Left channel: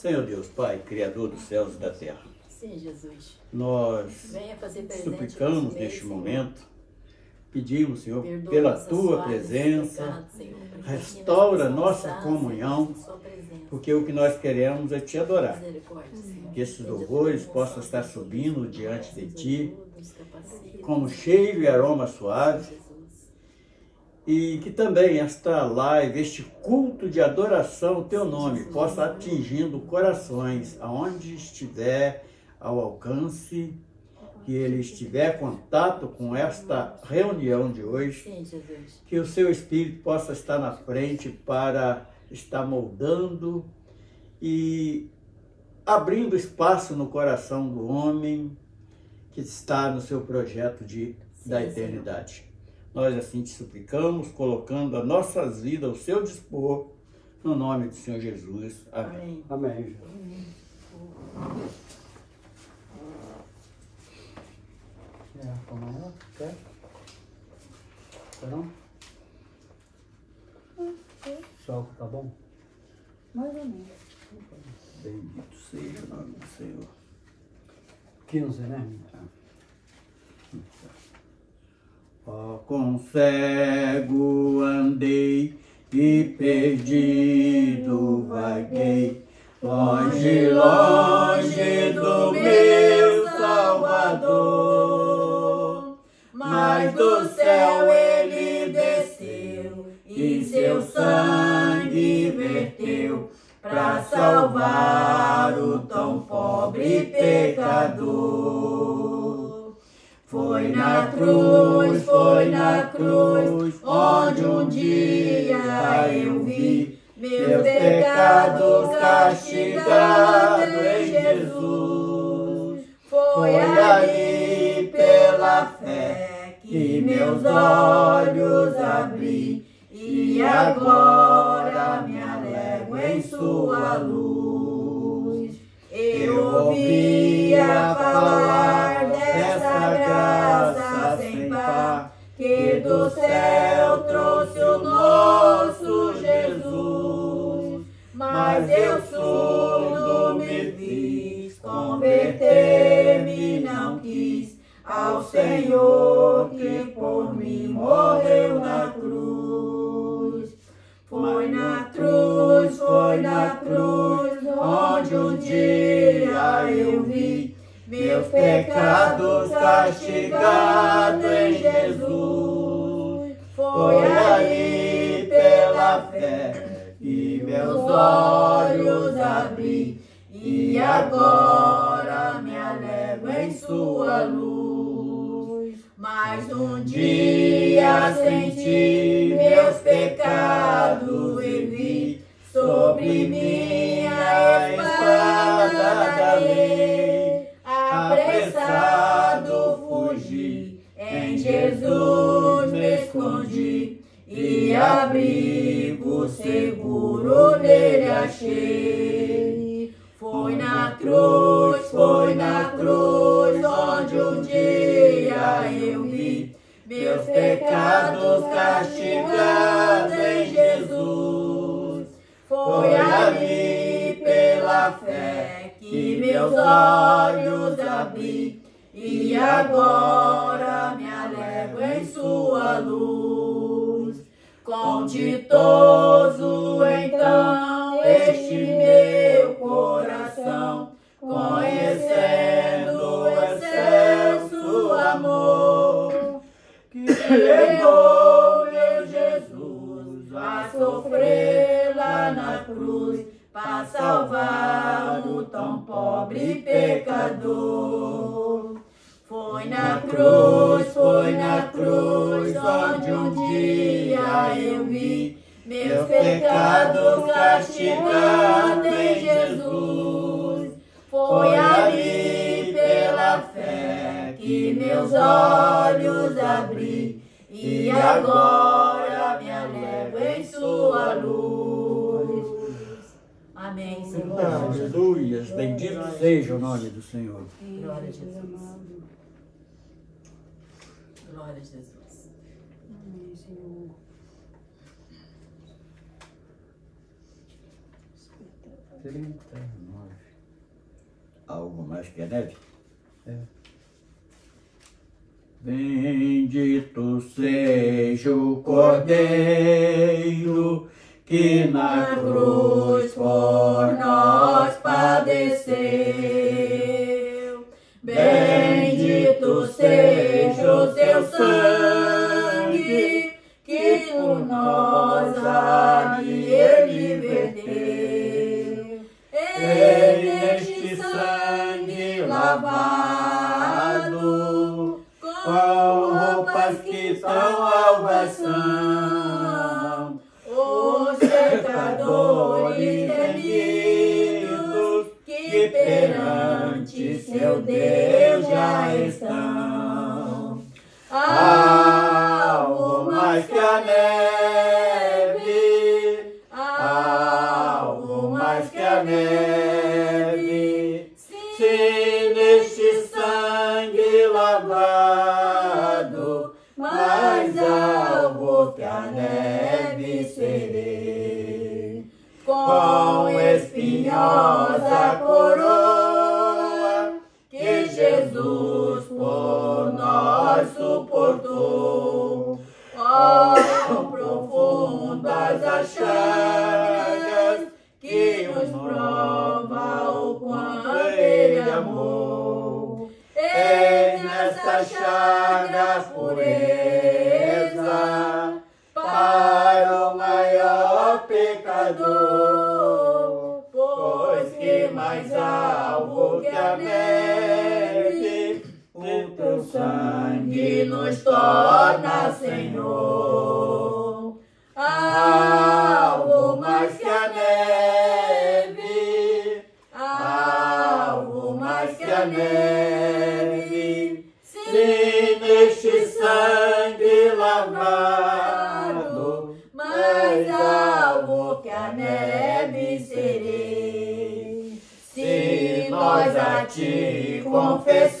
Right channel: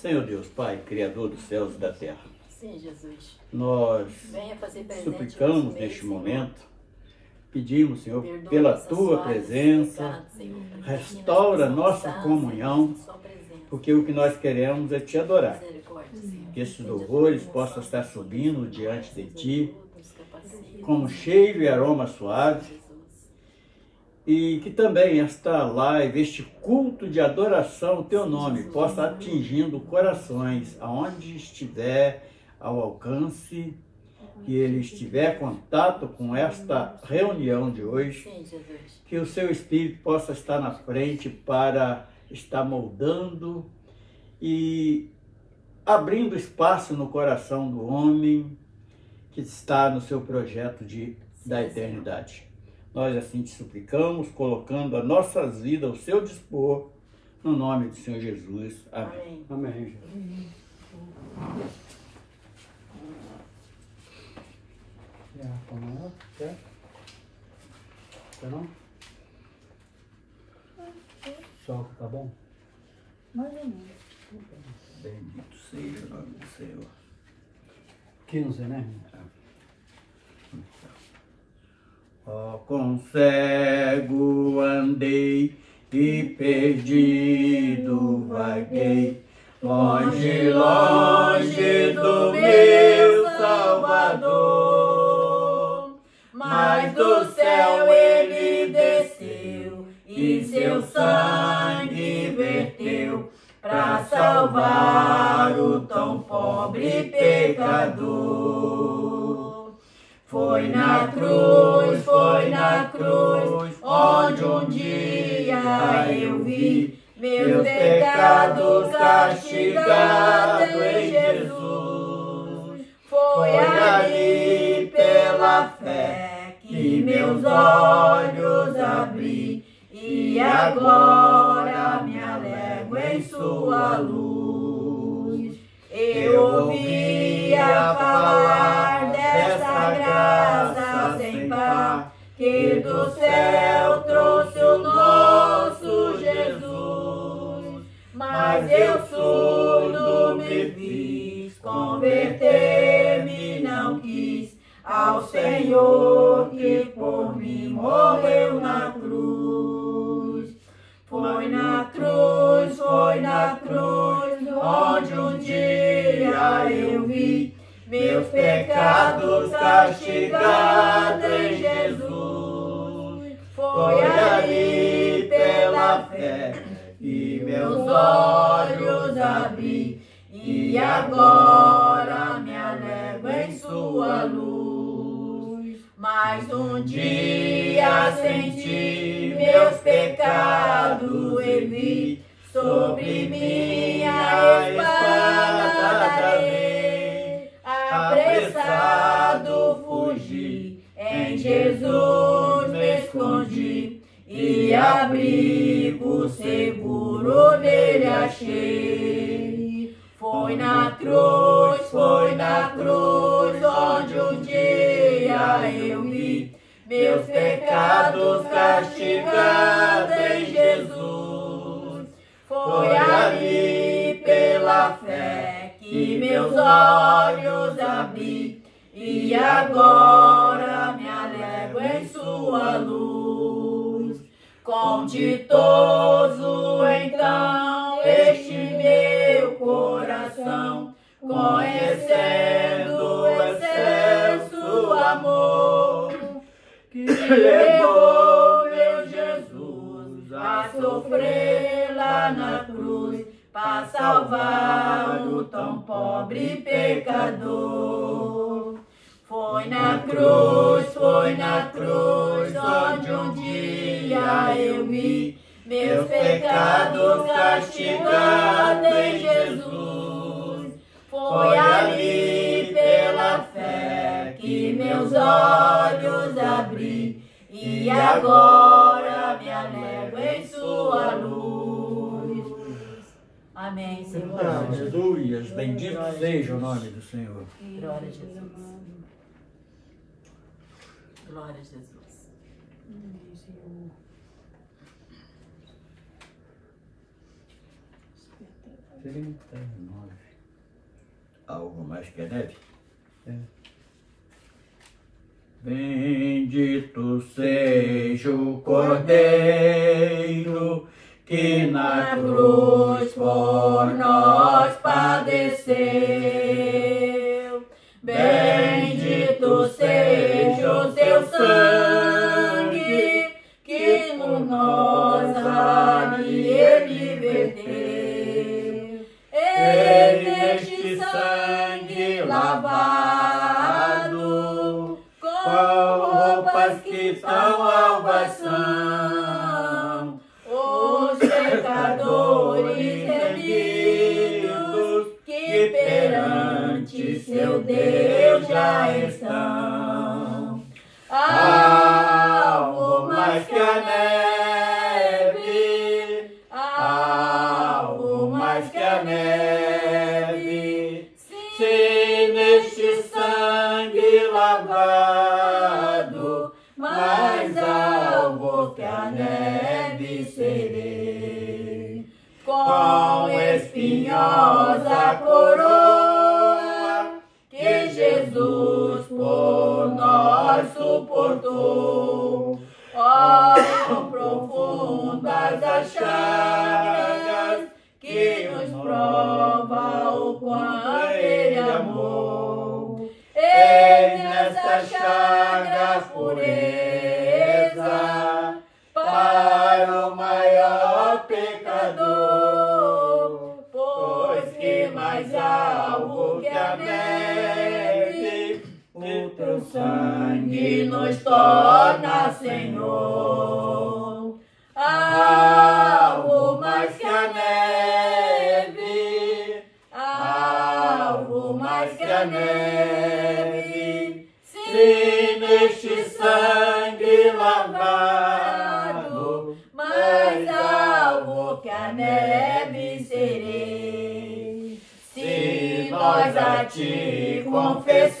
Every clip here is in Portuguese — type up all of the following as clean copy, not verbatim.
Senhor Deus, Pai, Criador dos céus e da terra. Sim, Jesus. Nós Venha fazer presente suplicamos nosso meio, neste Senhor. momento, pedimos, Senhor, Perdoa pela nossas Tua falhas, presença, pecados, Senhor, para que restaura nós nossa possamos comunhão, alcançar sua presença. porque o que nós queremos é Te adorar. Misericórdia, Senhor. Que esses Seja louvores tudo possam nosso, estar Senhor, subindo nos diante de nos Ti, ajuda, nos capacita, como nos cheiro e aroma suave, Jesus. e que também esta live, este culto de adoração ao Teu nome, possa atingindo corações, aonde estiver ao alcance, que ele estiver em contato com esta reunião de hoje, Sim, Jesus. que o Seu Espírito possa estar na frente para estar moldando e abrindo espaço no coração do homem que está no seu projeto da eternidade. Nós assim te suplicamos, colocando as nossas vidas ao seu dispor, no nome do Senhor Jesus. Amém. Amém. Amém. Quer? Não? Só tá bom? Mais ou menos. Bendito seja o nome do Senhor. 15, né? Ó, com cego andei e perdido vaguei, longe, longe do meu Salvador. Mas do céu ele desceu e seu sangue verteu para salvar o tão pobre pecador. Foi na cruz, onde um dia eu vi meus pecados castigados em Jesus. Foi ali pela fé que meus olhos abri e agora me alego em sua luz. Eu ouvia falar dessa graça sem par que do céu trouxe o nosso Jesus. Mas eu surdo me fiz, converter-me não quis ao Senhor que por mim morreu na cruz. Foi na cruz, onde um dia eu vi meus pecados castigados em Jesus. Foi ali pela fé que meus olhos abri e agora me alego em sua luz. Mas um dia senti meus pecados e vi sobre minha espada da lei. Apressado fugi, em Jesus me escondi e abrigo seguro nele achei. Foi na cruz, onde um dia eu vi meus pecados castigados em Jesus. Foi ali pela fé que meus olhos abri e agora me alego em sua luz. Com ditoso então este meu coração, conhecendo o excelso amor que levou meu Jesus a sofrer lá na cruz para salvar o tão pobre pecador. Foi na cruz, onde um dia eu vi meus pecados castigados em Jesus. Foi ali pela fé que meus olhos abri e agora me alego em sua luz. Amém, Senhor. Aleluia, bendito seja o nome do Senhor. Glória a Jesus. Glória a Jesus. Amém, Senhor. Você 69. Algo mais que a neve? É. Bendito seja o Cordeiro que na cruz por nós padeceu. Bendito seja o seu sangue que por nós ali ele verteu. E neste sangue lavado, com roupas que salvas são, os pecadores remidos que perante seu Deus já estão. Algo mais que a neve, algo mais que a neve, se neste sangue lavado, mais alvo que a neve serei. Com espinhosa coroa que Jesus por nós suportou, ó, profundas as chagas que nos prova o quanto ele amou. E nessa chagas pureza para o maior pecador, pois que mais alvo que a neve, o teu sangue nos torna Senhor. Alvo mais que a neve, alvo mais que a neve, se neste sangue lavado, mais alvo que a neve serei. Se nós a ti confessados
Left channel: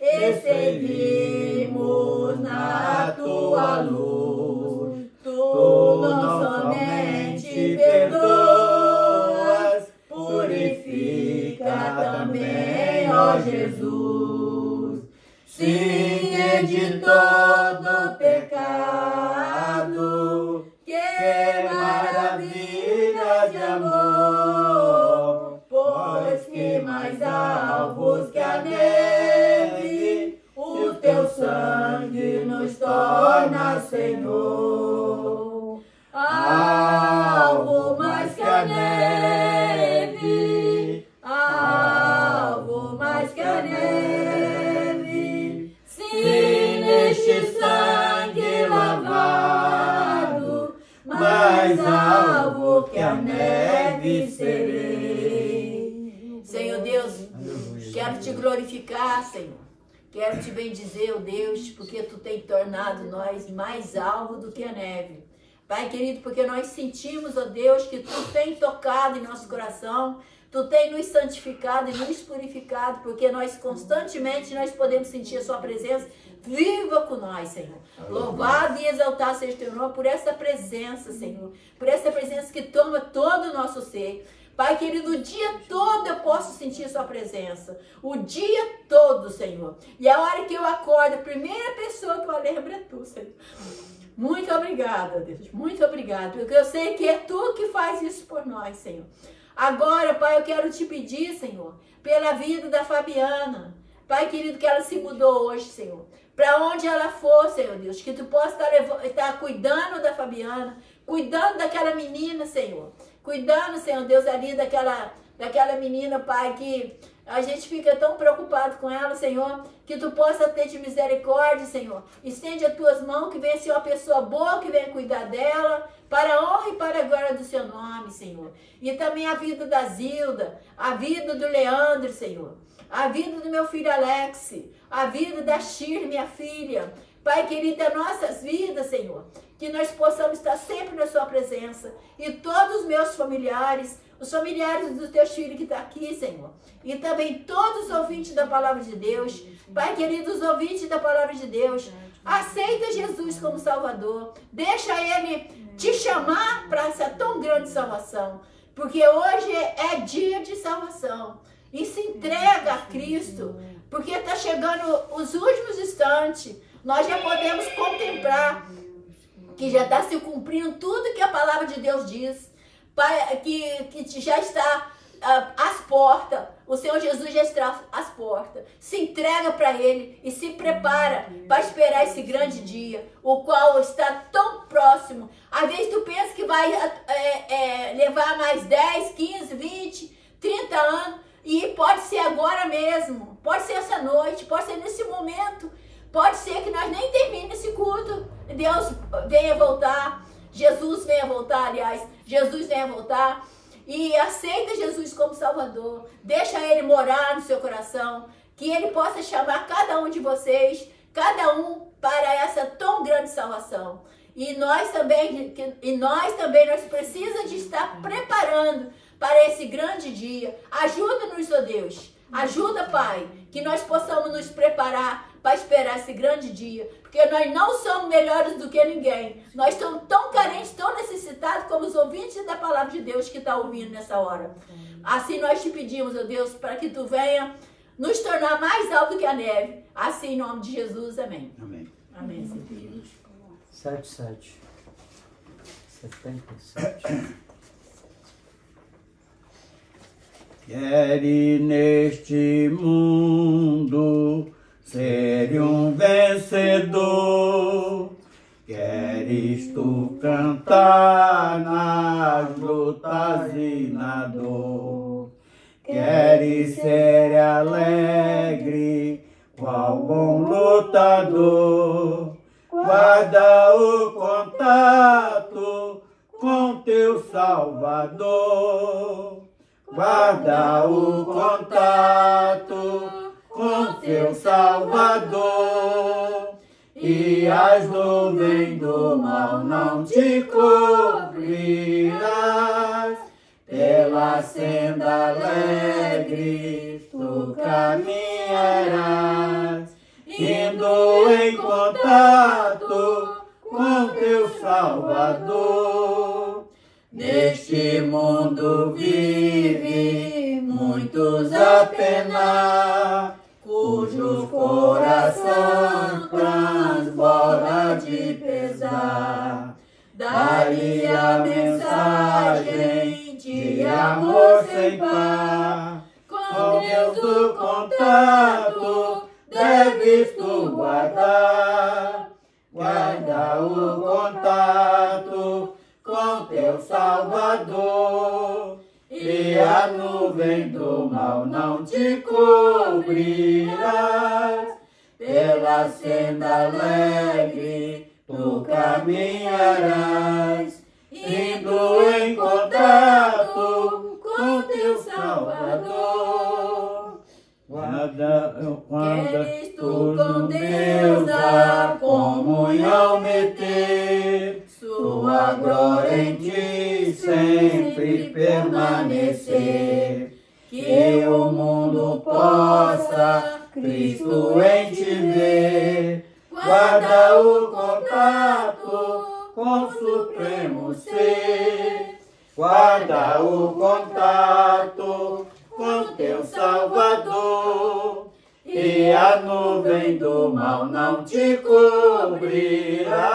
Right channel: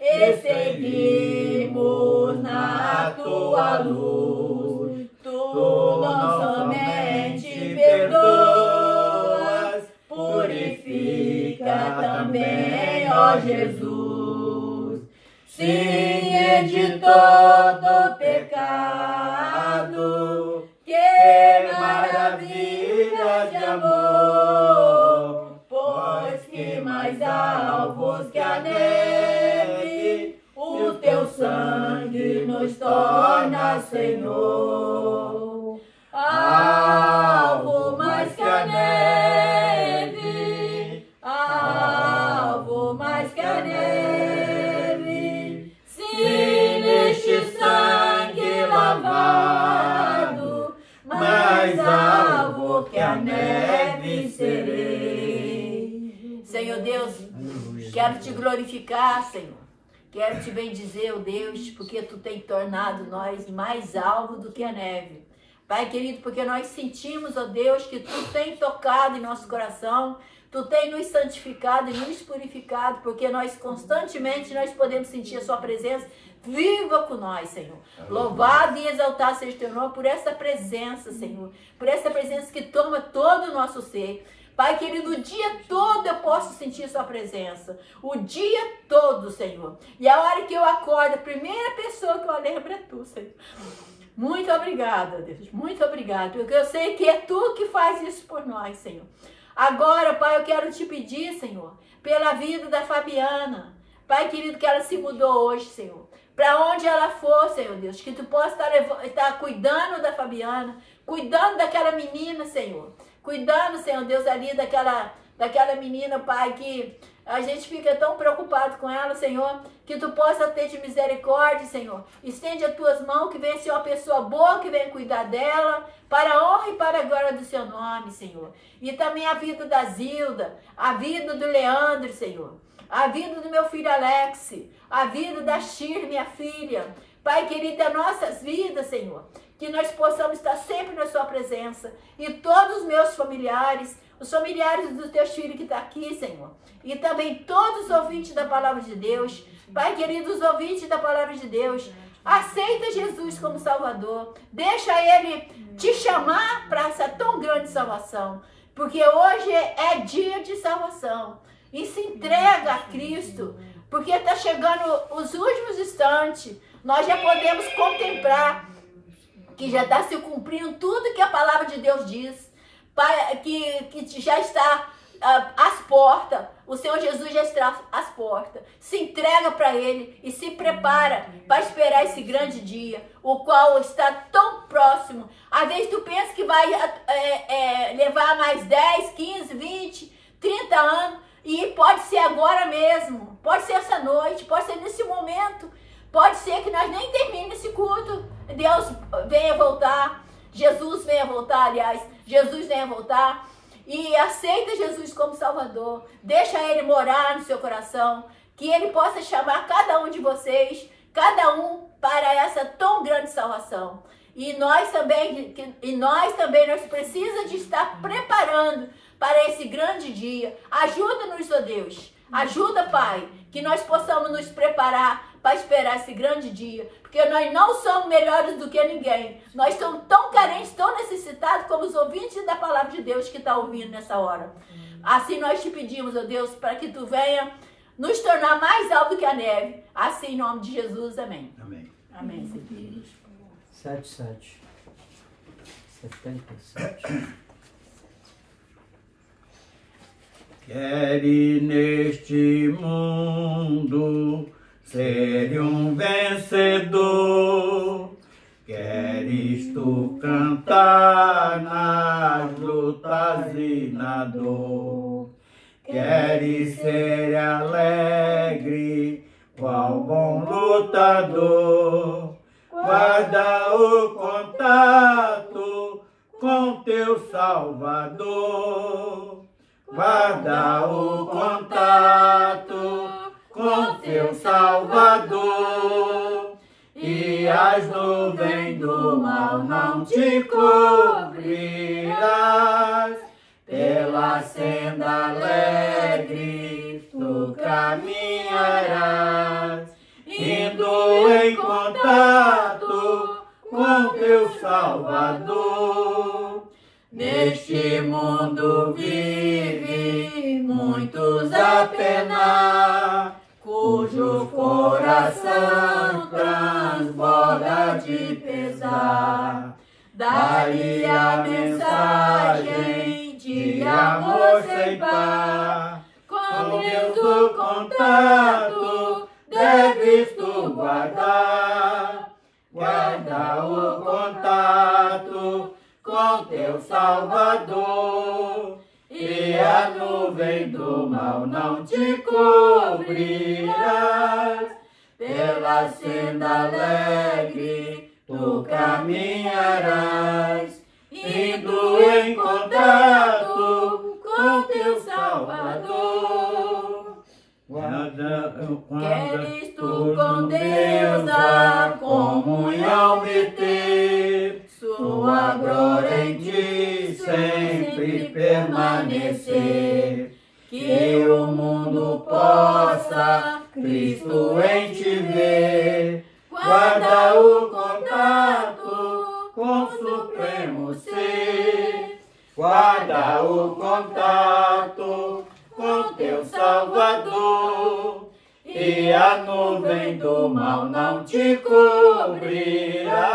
e seguimos na tua luz, tu não somente perdoas, purifica também, ó Jesus. Sim, é de todo pecado, que maravilha de amor, pois que mais alvos que a neve, o teu sangue nos torna Senhor. Alvo mais que a neve, alvo mais que a neve, se neste sangue lavado, mais alvo que a neve serei. Senhor Deus, quero te glorificar, Senhor. Quero te bendizer, ó Deus, porque tu tem tornado nós mais alvo do que a neve. Pai querido, porque nós sentimos, ó Deus, que tu tem tocado em nosso coração, tu tem nos santificado e nos purificado, porque nós constantemente nós podemos sentir a sua presença viva com nós, Senhor. Louvado e exaltado seja o teu nome por essa presença, Senhor, por essa presença que toma todo o nosso ser. Pai querido, o dia todo eu posso sentir sua presença, o dia todo, Senhor. E a hora que eu acordo, a primeira pessoa que eu lembro é tu, Senhor. Muito obrigada, Deus, muito obrigada, porque eu sei que é tu que faz isso por nós, Senhor. Agora, Pai, eu quero te pedir, Senhor, pela vida da Fabiana. Pai querido, que ela se mudou hoje, Senhor. Para onde ela for, Senhor Deus, que tu possa estar cuidando da Fabiana, cuidando daquela menina, Senhor. Cuidando, Senhor Deus, ali daquela menina, Pai, que a gente fica tão preocupado com ela, Senhor, que tu possa ter de misericórdia, Senhor. Estende as tuas mãos, que venha ser uma pessoa boa, que venha cuidar dela, para a honra e para a glória do seu nome, Senhor. E também a vida da Zilda, a vida do Leandro, Senhor. A vida do meu filho Alex, a vida da Shir, minha filha. Pai querido, das nossas vidas, Senhor, que nós possamos estar sempre na sua presença. E todos os meus familiares, os familiares dos teus filhos que estão aqui, Senhor. E também todos os ouvintes da palavra de Deus. Pai querido, os ouvintes da palavra de Deus. Aceita Jesus como Salvador. Deixa Ele te chamar para essa tão grande salvação. porque hoje é dia de salvação. E se entrega a Cristo, porque está chegando os últimos instantes. Nós já podemos contemplar que já está se cumprindo tudo que a palavra de Deus diz, que já está às portas. O Senhor Jesus já está às portas. Se entrega para Ele e se prepara para esperar esse grande dia, o qual está tão próximo. Às vezes tu pensa que vai levar mais 10, 15, 20, 30 anos, e pode ser agora mesmo, pode ser essa noite, pode ser nesse momento, pode ser que nós nem termine esse culto, Deus venha voltar, Jesus venha voltar, aliás, Jesus venha voltar, e aceita Jesus como Salvador, deixa Ele morar no seu coração, que Ele possa chamar cada um de vocês, cada um para essa tão grande salvação. E nós também nós precisamos de estar preparando para esse grande dia. Ajuda-nos, ó Deus, ajuda, Pai, que nós possamos nos preparar para esperar esse grande dia, porque nós não somos melhores do que ninguém. Nós somos tão carentes, tão necessitados como os ouvintes da palavra de Deus que está ouvindo nessa hora. Assim nós te pedimos, ó Deus, para que tu venha nos tornar mais alto que a neve. Assim, em nome de Jesus, amém. Amém. Amém, Senhor. 77. 77. Queres neste mundo ser um vencedor, queres tu cantar nas lutas e na dor, queres ser alegre, qual bom lutador, guarda o contato com teu Salvador. Guarda o contato com teu Salvador, e as nuvens do mal não te cobrirás. Pela senda alegre tu caminharás, indo em contato com teu Salvador. Neste mundo vive muitos a penar, cujo coração transborda de pesar. Dá-lhe a mensagem de amor sem par, com Deus o contato deves tu guardar. Guarda o contato com teu Salvador, e a nuvem do mal não te cobrirás. Pela senda alegre tu caminharás, indo em contato com teu Salvador. Queres tu com Deus a comunhão meter, sua glória em ti sempre permanecer, que o mundo possa Cristo em te ver. Guarda o contato com o supremo ser, guarda o contato com teu Salvador, e a nuvem do mal não te cobrirás.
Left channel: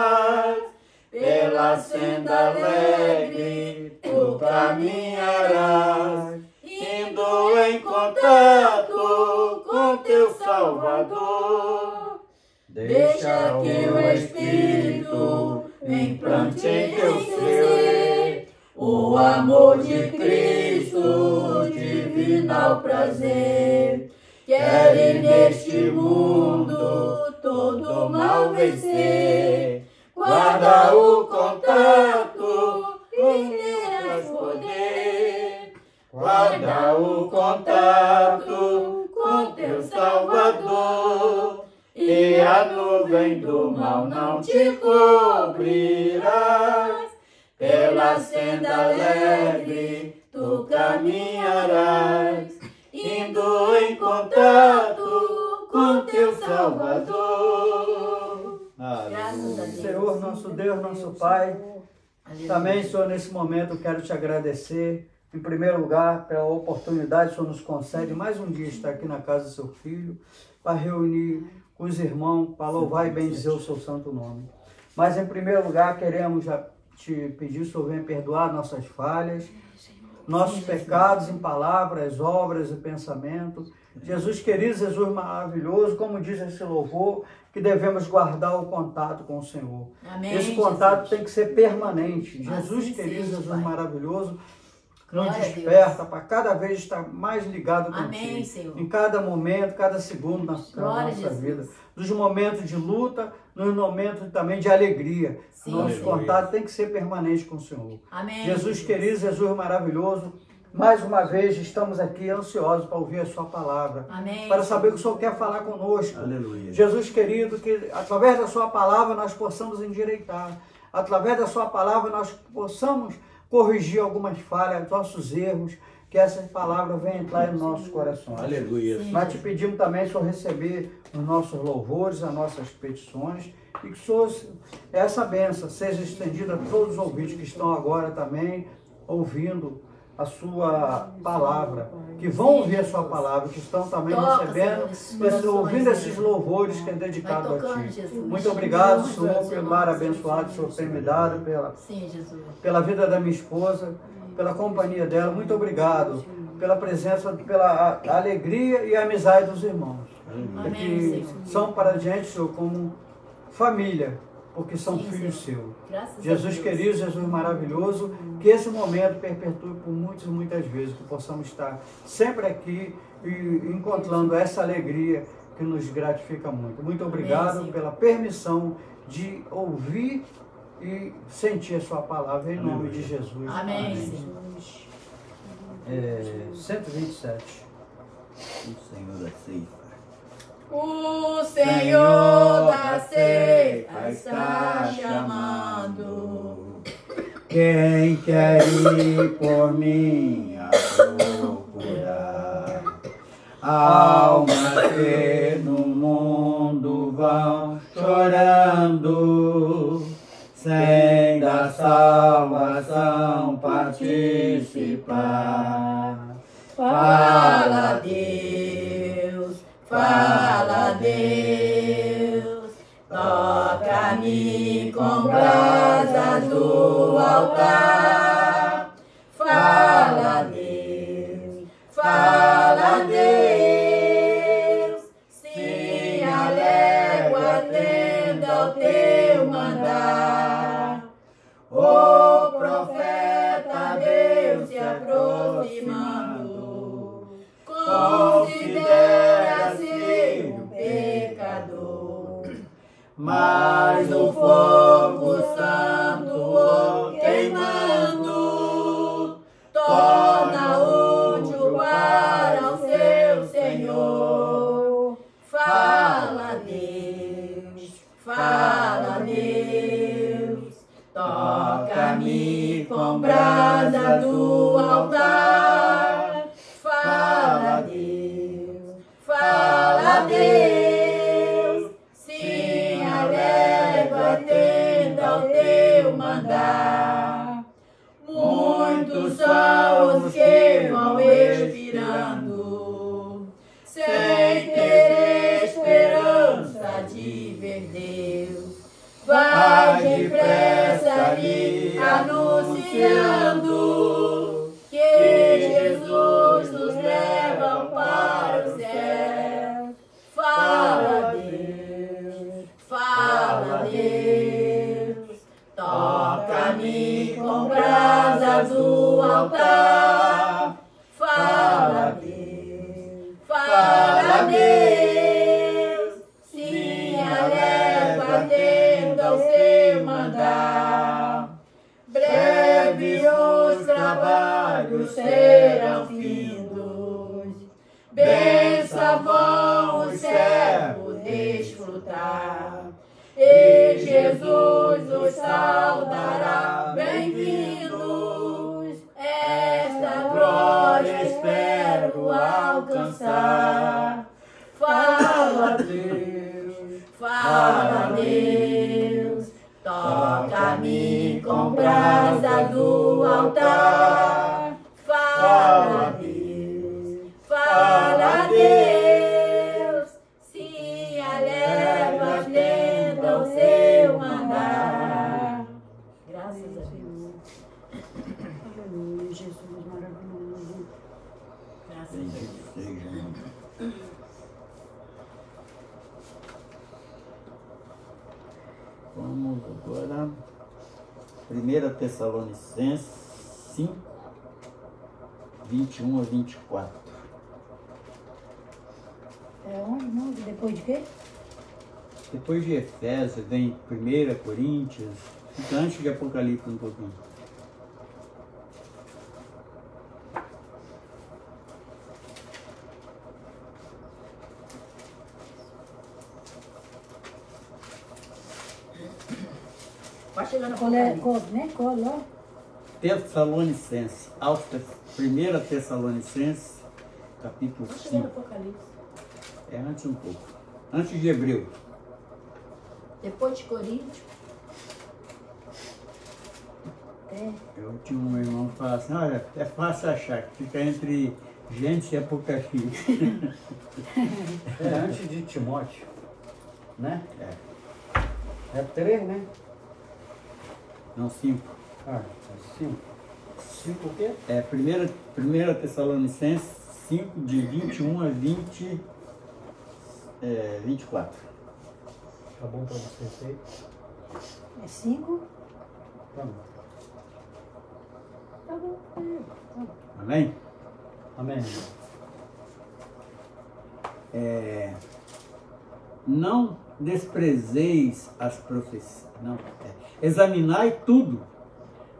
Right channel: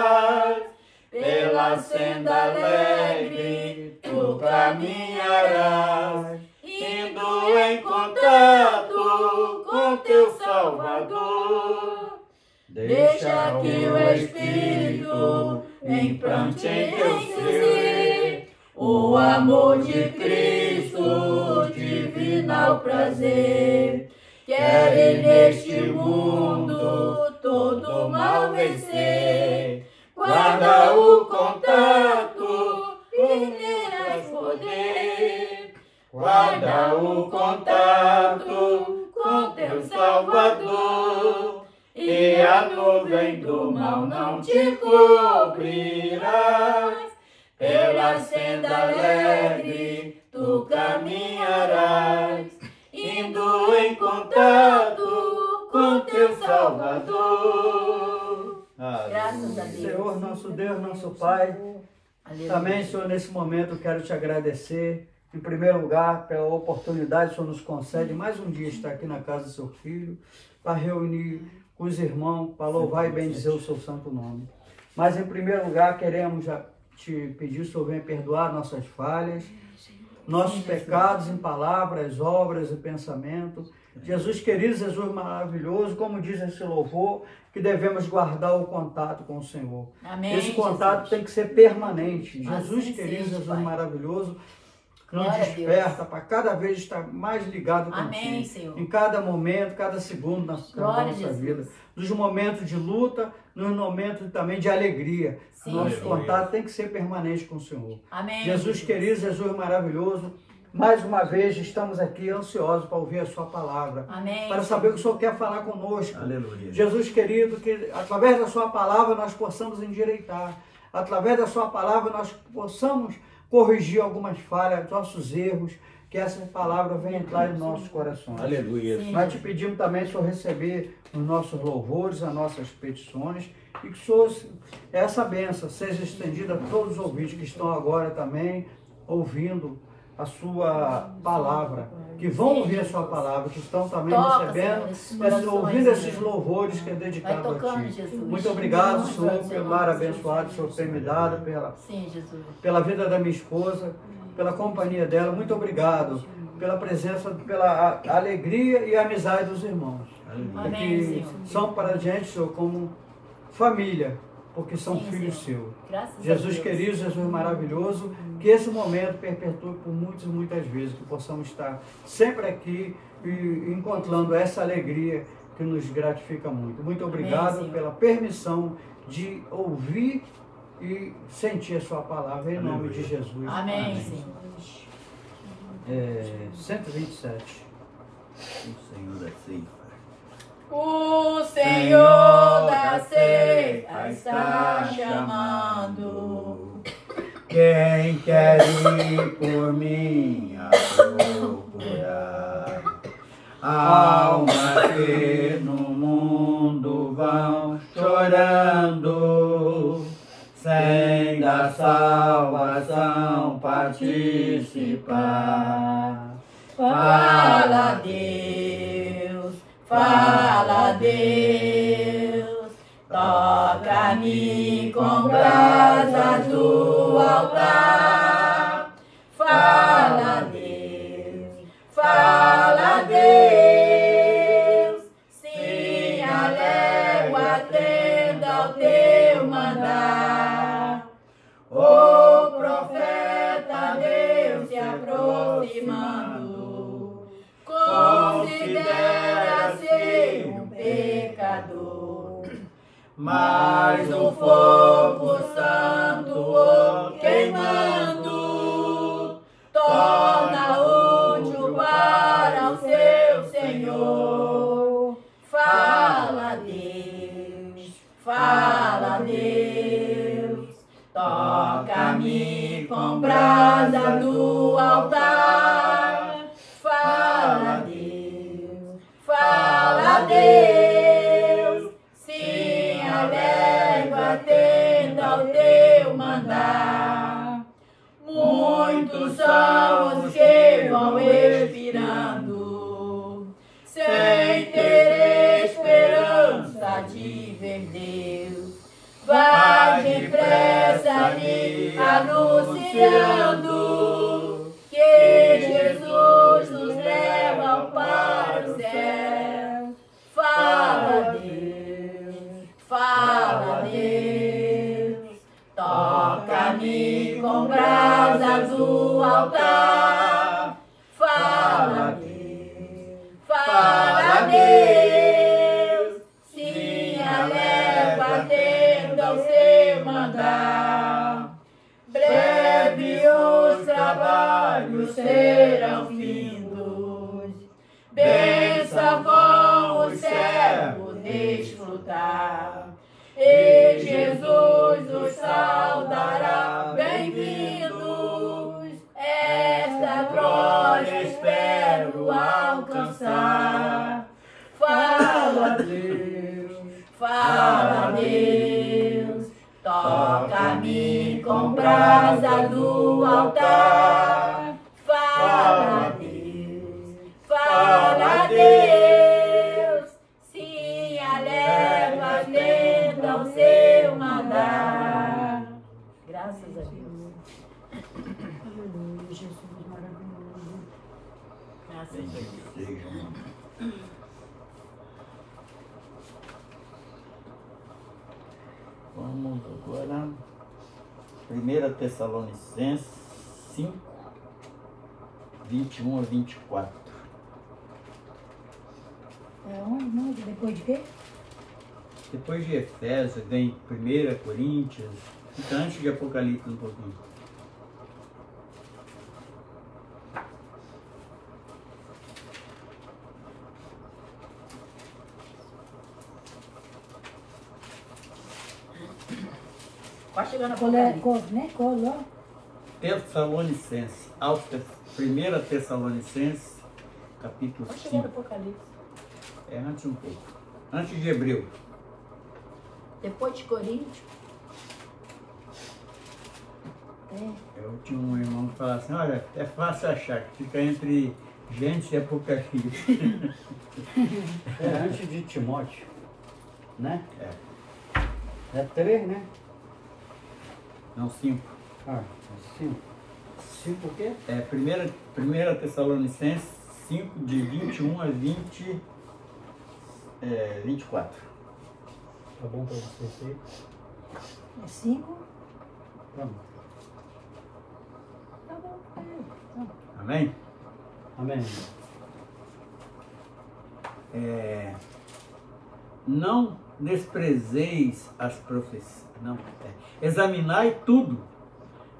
Pela senda alegre tu caminharás, indo em contato com teu Salvador. Deixa que o Espírito implante em teu ser o amor de Cristo, divinal prazer. Queres neste mundo todo mal vencer, guarda o contato com Deus poder. Guarda o contato com teu Salvador, e a nuvem do mal não te cobrirás. Pela senda alegre tu caminharás, indo em contato com teu Salvador. Graças a Deus. Senhor, nosso Deus, nosso Pai, Aleluia. também, Senhor, nesse momento quero te agradecer em primeiro lugar, pela oportunidade que o Senhor nos concede mais um dia estar aqui na casa do seu Filho, para reunir com os irmãos, para louvar e bendizer o seu santo nome. Mas, em primeiro lugar, queremos já te pedir, o Senhor venha perdoar nossas falhas, nossos pecados em palavras, obras e pensamentos. Jesus querido, Jesus maravilhoso, como diz esse louvor, que devemos guardar o contato com o Senhor. Amém, Esse contato tem que ser permanente. Jesus Assim querido, seja, Jesus Pai. maravilhoso, nos Glória a desperta para cada vez estar mais ligado Amém, contigo. Senhor. Em cada momento, cada segundo da Glória a nossa Jesus. vida. Nos momentos de luta, nos momentos também de alegria. Sim, Nosso Senhor. contato tem que ser permanente com o Senhor. Amém. Jesus querido, Jesus maravilhoso, mais uma vez estamos aqui ansiosos para ouvir a sua palavra. Amém. Para saber o que o Senhor quer falar conosco. Aleluia. Jesus querido, que através da sua palavra nós possamos endireitar. Através da sua palavra nós possamos corrigir algumas falhas, nossos erros, que essa palavra venha entrar em nossos corações. Aleluia. Nós te pedimos também, Senhor, receber os nossos louvores, as nossas petições, e que, Senhor, essa bênção seja estendida a todos os ouvintes que estão agora também ouvindo a sua palavra, que vão ouvir a sua palavra, que estão também Toca, recebendo, Senhor, esses ouvindo corações, esses Senhor. louvores que é dedicado Vai a tocando, Ti. Jesus. Muito obrigado, Em Senhor, nome pelo do dar Senhor, abençoado que o Senhor tem me dado, Sim, Jesus. pela vida da minha esposa, pela companhia dela. Muito obrigado pela presença, pela alegria e amizade dos irmãos. Aleluia. Amém, Que Senhor. são para a gente, Senhor, como família, porque são Sim, filhos Senhor. seus. Graças a Jesus Deus. querido, Jesus maravilhoso, que esse momento perpetue por muitas vezes, que possamos estar sempre aqui e encontrando essa alegria que nos gratifica muito. Muito obrigado Senhor. pela permissão de ouvir e sentir a sua palavra, em nome de Jesus. Amém, Senhor. 127. O Senhor da ceifa. O Senhor da ceifa está chamando. Quem quer ir por mim a procurar? Almas que no mundo vão chorando, sem da salvação participar. Fala, Deus, fala, Deus, toca-me com brasas do altar. Fala, Deus, fala, Deus, se alego atenda ao teu mandar. O profeta Deus se aproximando, considera-se um pecador, mas o fogo santo o queimando torna útil para o seu Senhor. Fala, Deus, fala, Deus, toca-me com brasa do altar. Fala, Deus, fala, Deus, se alegro atendo ao teu mandar. Muitos são os que vão expirando, sem ter esperança de ver Deus. Vai depressa lhe anunciando que Jesus nos leva para o céu. Fala, Deus, fala, Deus, toca-me com brasas do altar. Fala, Deus, fala, Deus, se alego atendo ao seu mandar. Breve os trabalhos serão findos, benção vão os servos desfrutar, e Jesus os saudará, bem-vindos, esta glória espero alcançar. Fala, Deus, fala, Deus, toca-me com brasa do altar. fala a Deus, sim, eleva as tendas ao seu mandar. Graças a Deus. Aleluia, Jesus maravilhoso. Graças a Bendito Deus. seja. Vamos agora. 1 Tessalonicenses 5, 21 a 24. É onde? Não? Depois de quê? Depois de Efésios vem 1 Coríntios, fica antes de Apocalipse um pouquinho. Vai chegar no Qual é? Apocalipse. Qual lá? Tessalonicenses, 1 Tessalonicenses, capítulo Vai chegar no 5. Apocalipse. É antes um pouco. Antes de Hebreu. Depois de Coríntios. Eu tinha um irmão que falava assim, olha, é fácil achar, que fica entre Gênesis e Apocalipse. É antes de Timóteo, né? É. É 3, né? Não, 5. Ah, é 5. 5 o quê? É 1 Tessalonicenses 5, de 21 a 24. Tá bom pra vocês aí? É 5? Tá bom. Tá bom. Tá bom. Amém? Amém. Não desprezeis as profecias. Não, examinai tudo.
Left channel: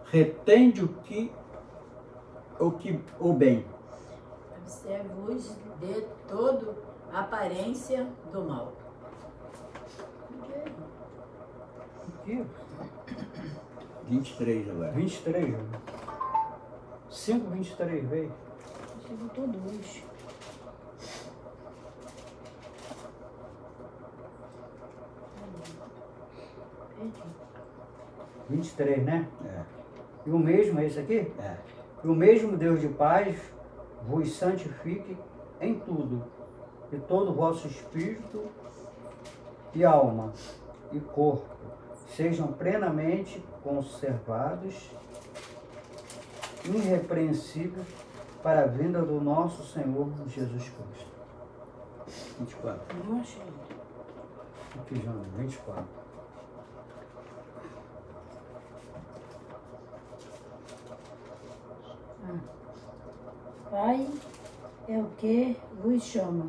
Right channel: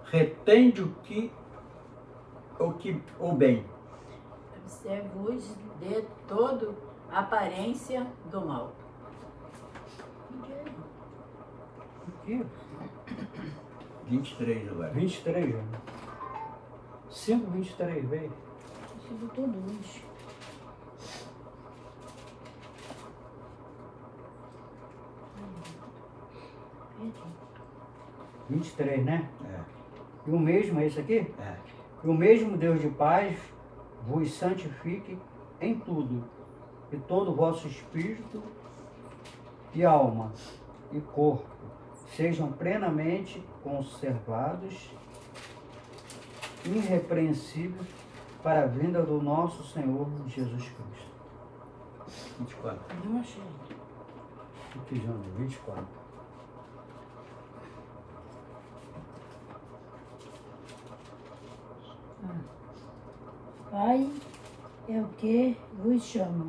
Retende o bem. Observos de toda aparência do mal. Aqui, 23 agora. 23, já. 5, 23, veio. Você botou 2. Eita. 23, né? É. E o mesmo, é esse aqui? É. E o mesmo Deus de paz vos santifique em tudo, e todo o vosso espírito e alma e corpo sejam plenamente conservados, irrepreensíveis, para a vinda do nosso Senhor Jesus Cristo. 24. Não achei. Aqui, João, 24. Pai é o que vos chama,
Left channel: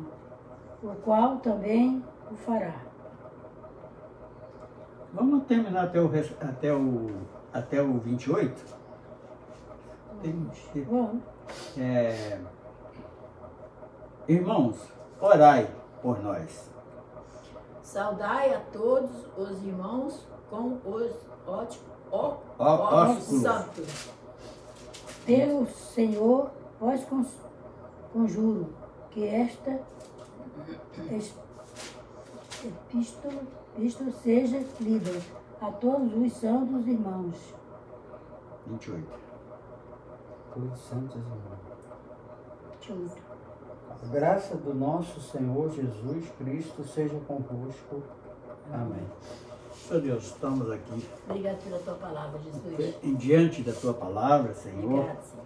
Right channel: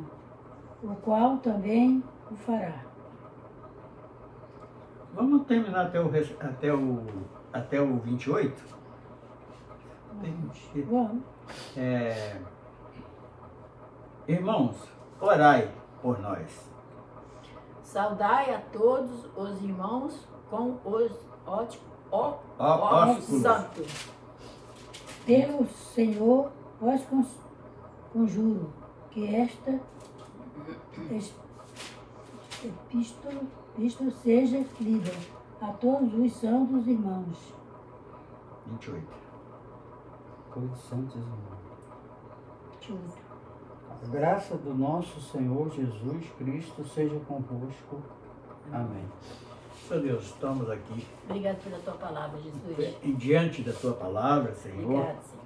o qual também o fará. Vamos terminar até o 28? Tem- Vamos. Irmãos, orai por nós. Saudai a todos os irmãos com os Ósculos. santos. Pelo Senhor vos conjuro que esta epístola seja lida a todos os santos irmãos. 28. Todos santos irmãos. Deixa eu ver. A graça do nosso Senhor Jesus Cristo seja convosco. Amém. Senhor Deus, estamos aqui Obrigado pela tua palavra, Jesus. diante da tua palavra, Senhor. Obrigado, Senhor.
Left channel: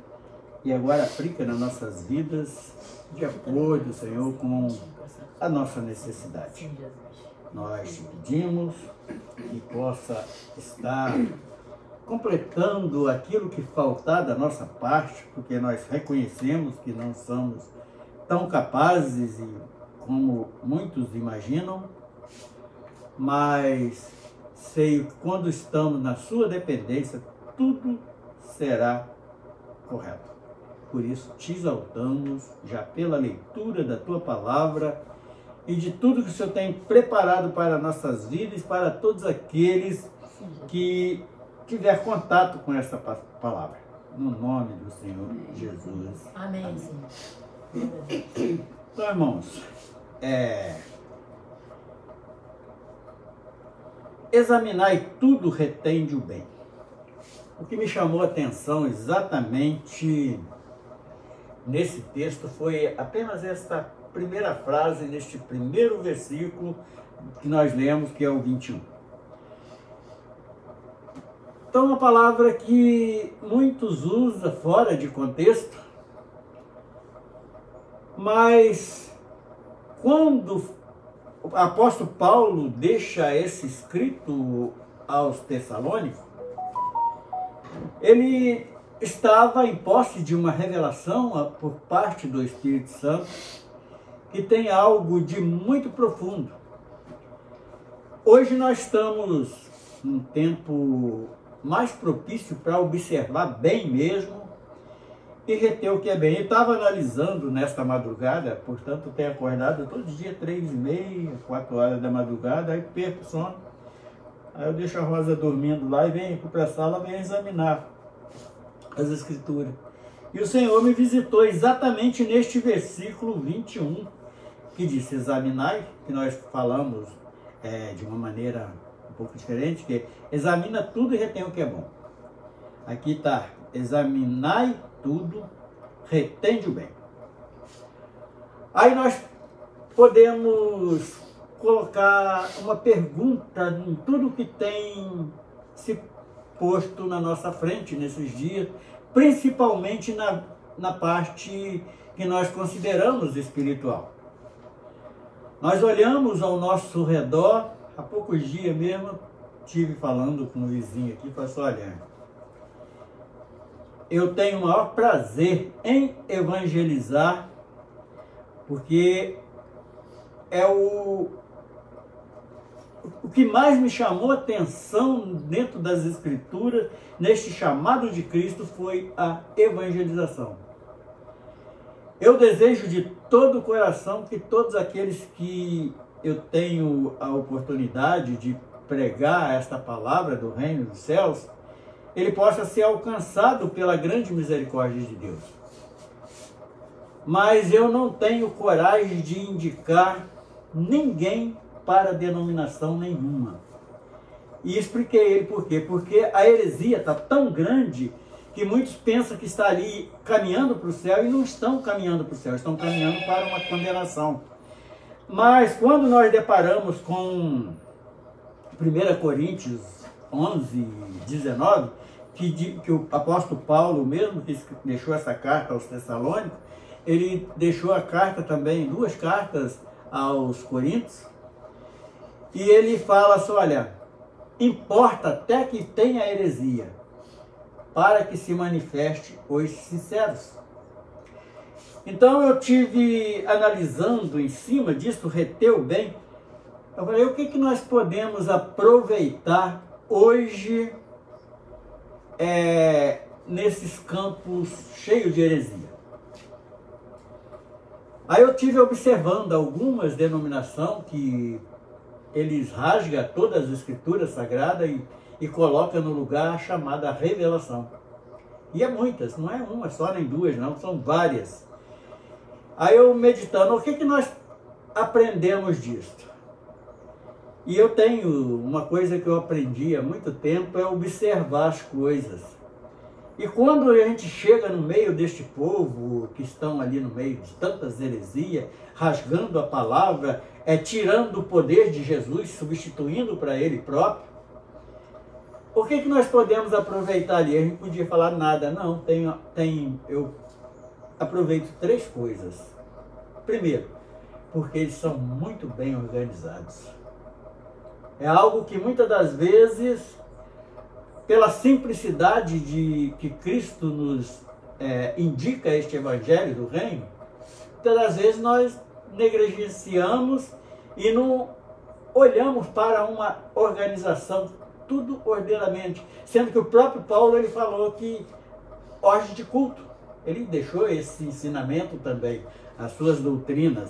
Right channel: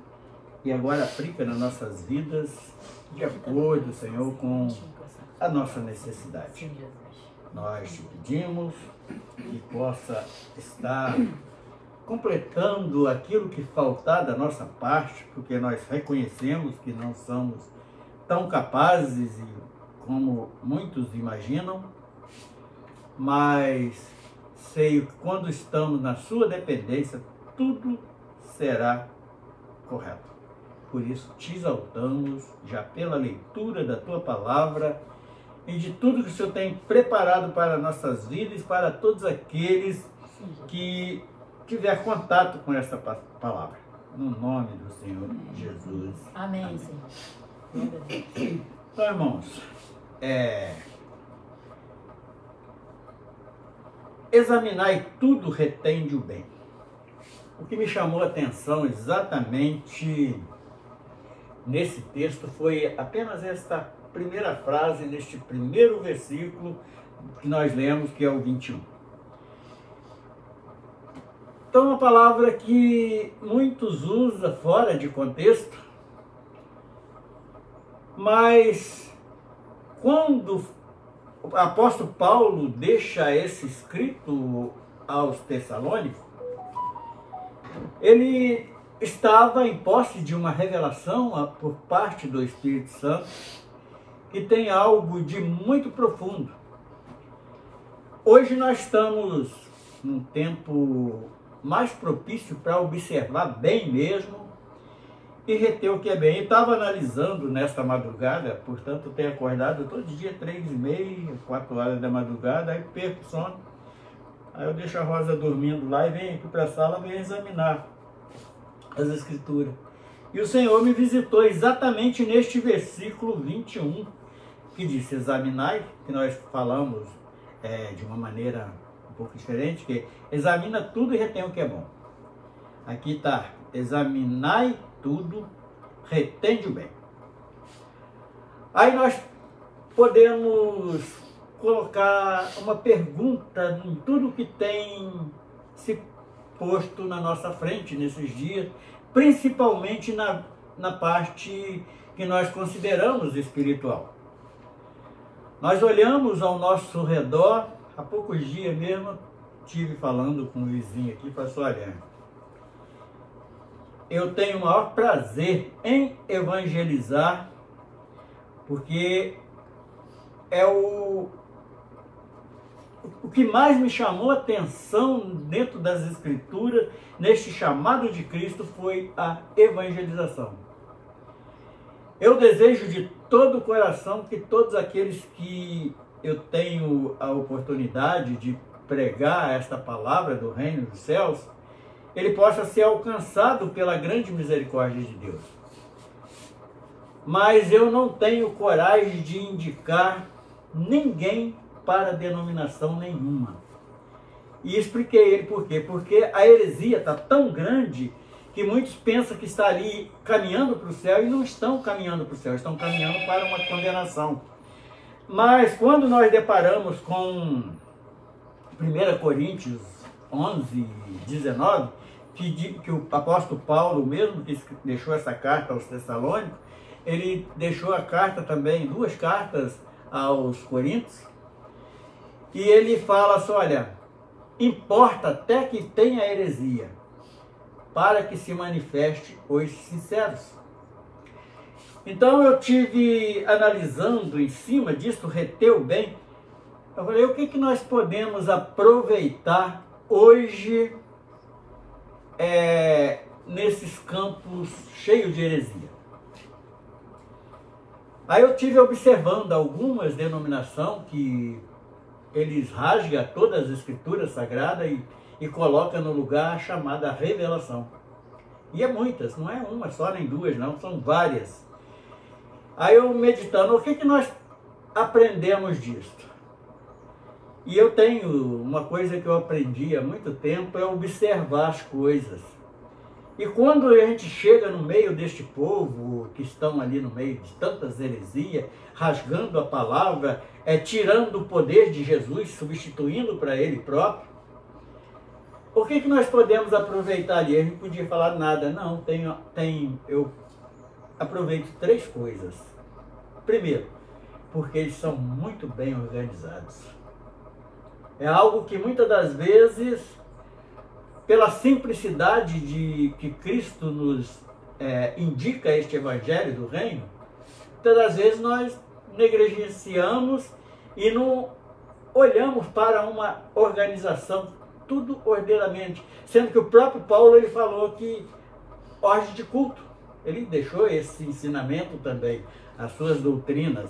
E agora aplica nas nossas vidas de acordo, Senhor, com a nossa necessidade. Sim, Jesus. Nós te pedimos que possa estar completando aquilo que faltar da nossa parte, porque nós reconhecemos que não somos tão capazes como muitos imaginam, mas sei que quando estamos na sua dependência, tudo será correto. Por isso te exaltamos já pela leitura da tua palavra e de tudo que o Senhor tem preparado para nossas vidas e para todos aqueles que tiver contato com esta palavra. No nome do Senhor Jesus. Amém, Senhor. Então, irmãos, examinai tudo, retende o bem. O que me chamou a atenção exatamente nesse texto foi apenas esta primeira frase, neste primeiro versículo que nós lemos, que é o 21. Então, uma palavra que muitos usam fora de contexto, mas quando o apóstolo Paulo deixa esse escrito aos Tessalônicos, ele estava em posse de uma revelação por parte do Espírito Santo que tem algo de muito profundo. Hoje nós estamos num tempo mais propício para observar bem mesmo e reter o que é bem. Eu estava analisando nesta madrugada, portanto tenho acordado todo dia 3h30, 4 horas da madrugada, aí perco o sono. Aí eu deixo a Rosa dormindo lá e venho aqui para a sala, venho examinar as Escrituras. E o Senhor me visitou exatamente neste versículo 21, que diz: examinai, que nós falamos de uma maneira um pouco diferente, que examina tudo e retém o que é bom. Aqui está: examinai tudo, retende o bem. Aí nós podemos colocar uma pergunta em tudo que tem se posto na nossa frente nesses dias, principalmente na parte que nós consideramos espiritual. Nós olhamos ao nosso redor. Há poucos dias mesmo, estive falando com um vizinho aqui, falei assim: olha, eu tenho o maior prazer em evangelizar, porque é o que mais me chamou a atenção dentro das Escrituras, neste chamado de Cristo, foi a evangelização. Eu desejo de todo o coração que todos aqueles que eu tenho a oportunidade de pregar esta palavra do reino dos céus, ele possa ser alcançado pela grande misericórdia de Deus. Mas eu não tenho coragem de indicar ninguém para denominação nenhuma. E expliquei ele por quê. Porque a heresia está tão grande que muitos pensam que está ali caminhando para o céu e não estão caminhando para o céu, estão caminhando para uma condenação. Mas quando nós deparamos com 1 Coríntios 11, 19, que o apóstolo Paulo, mesmo que deixou essa carta aos Tessalônicos, ele deixou a carta também, 2 cartas aos Coríntios, e ele fala assim: olha, importa até que tenha heresia, para que se manifeste os sinceros. Então eu tive analisando em cima disso, reteu bem. Eu falei: o que nós podemos aproveitar hoje nesses campos cheios de heresia? Aí eu tive observando algumas denominações que eles rasgam todas as Escrituras Sagradas e colocam no lugar a chamada revelação. E é muitas, não é uma só nem 2, não, são várias. Aí eu meditando, o que nós aprendemos disto? E eu tenho uma coisa que eu aprendi há muito tempo, é observar as coisas. E quando a gente chega no meio deste povo, que estão ali no meio de tantas heresias, rasgando a palavra, tirando o poder de Jesus, substituindo para ele próprio, o que nós podemos aproveitar ali? A gente podia falar nada. Não, eu aproveito 3 coisas. Primeiro, porque eles são muito bem organizados. É algo que muitas das vezes, pela simplicidade de que Cristo nos indica este evangelho do reino, muitas das vezes nós negligenciamos e não olhamos para uma organização, tudo ordeiramente, sendo que o próprio Paulo ele falou que ordem de culto, ele deixou esse ensinamento também, as suas doutrinas.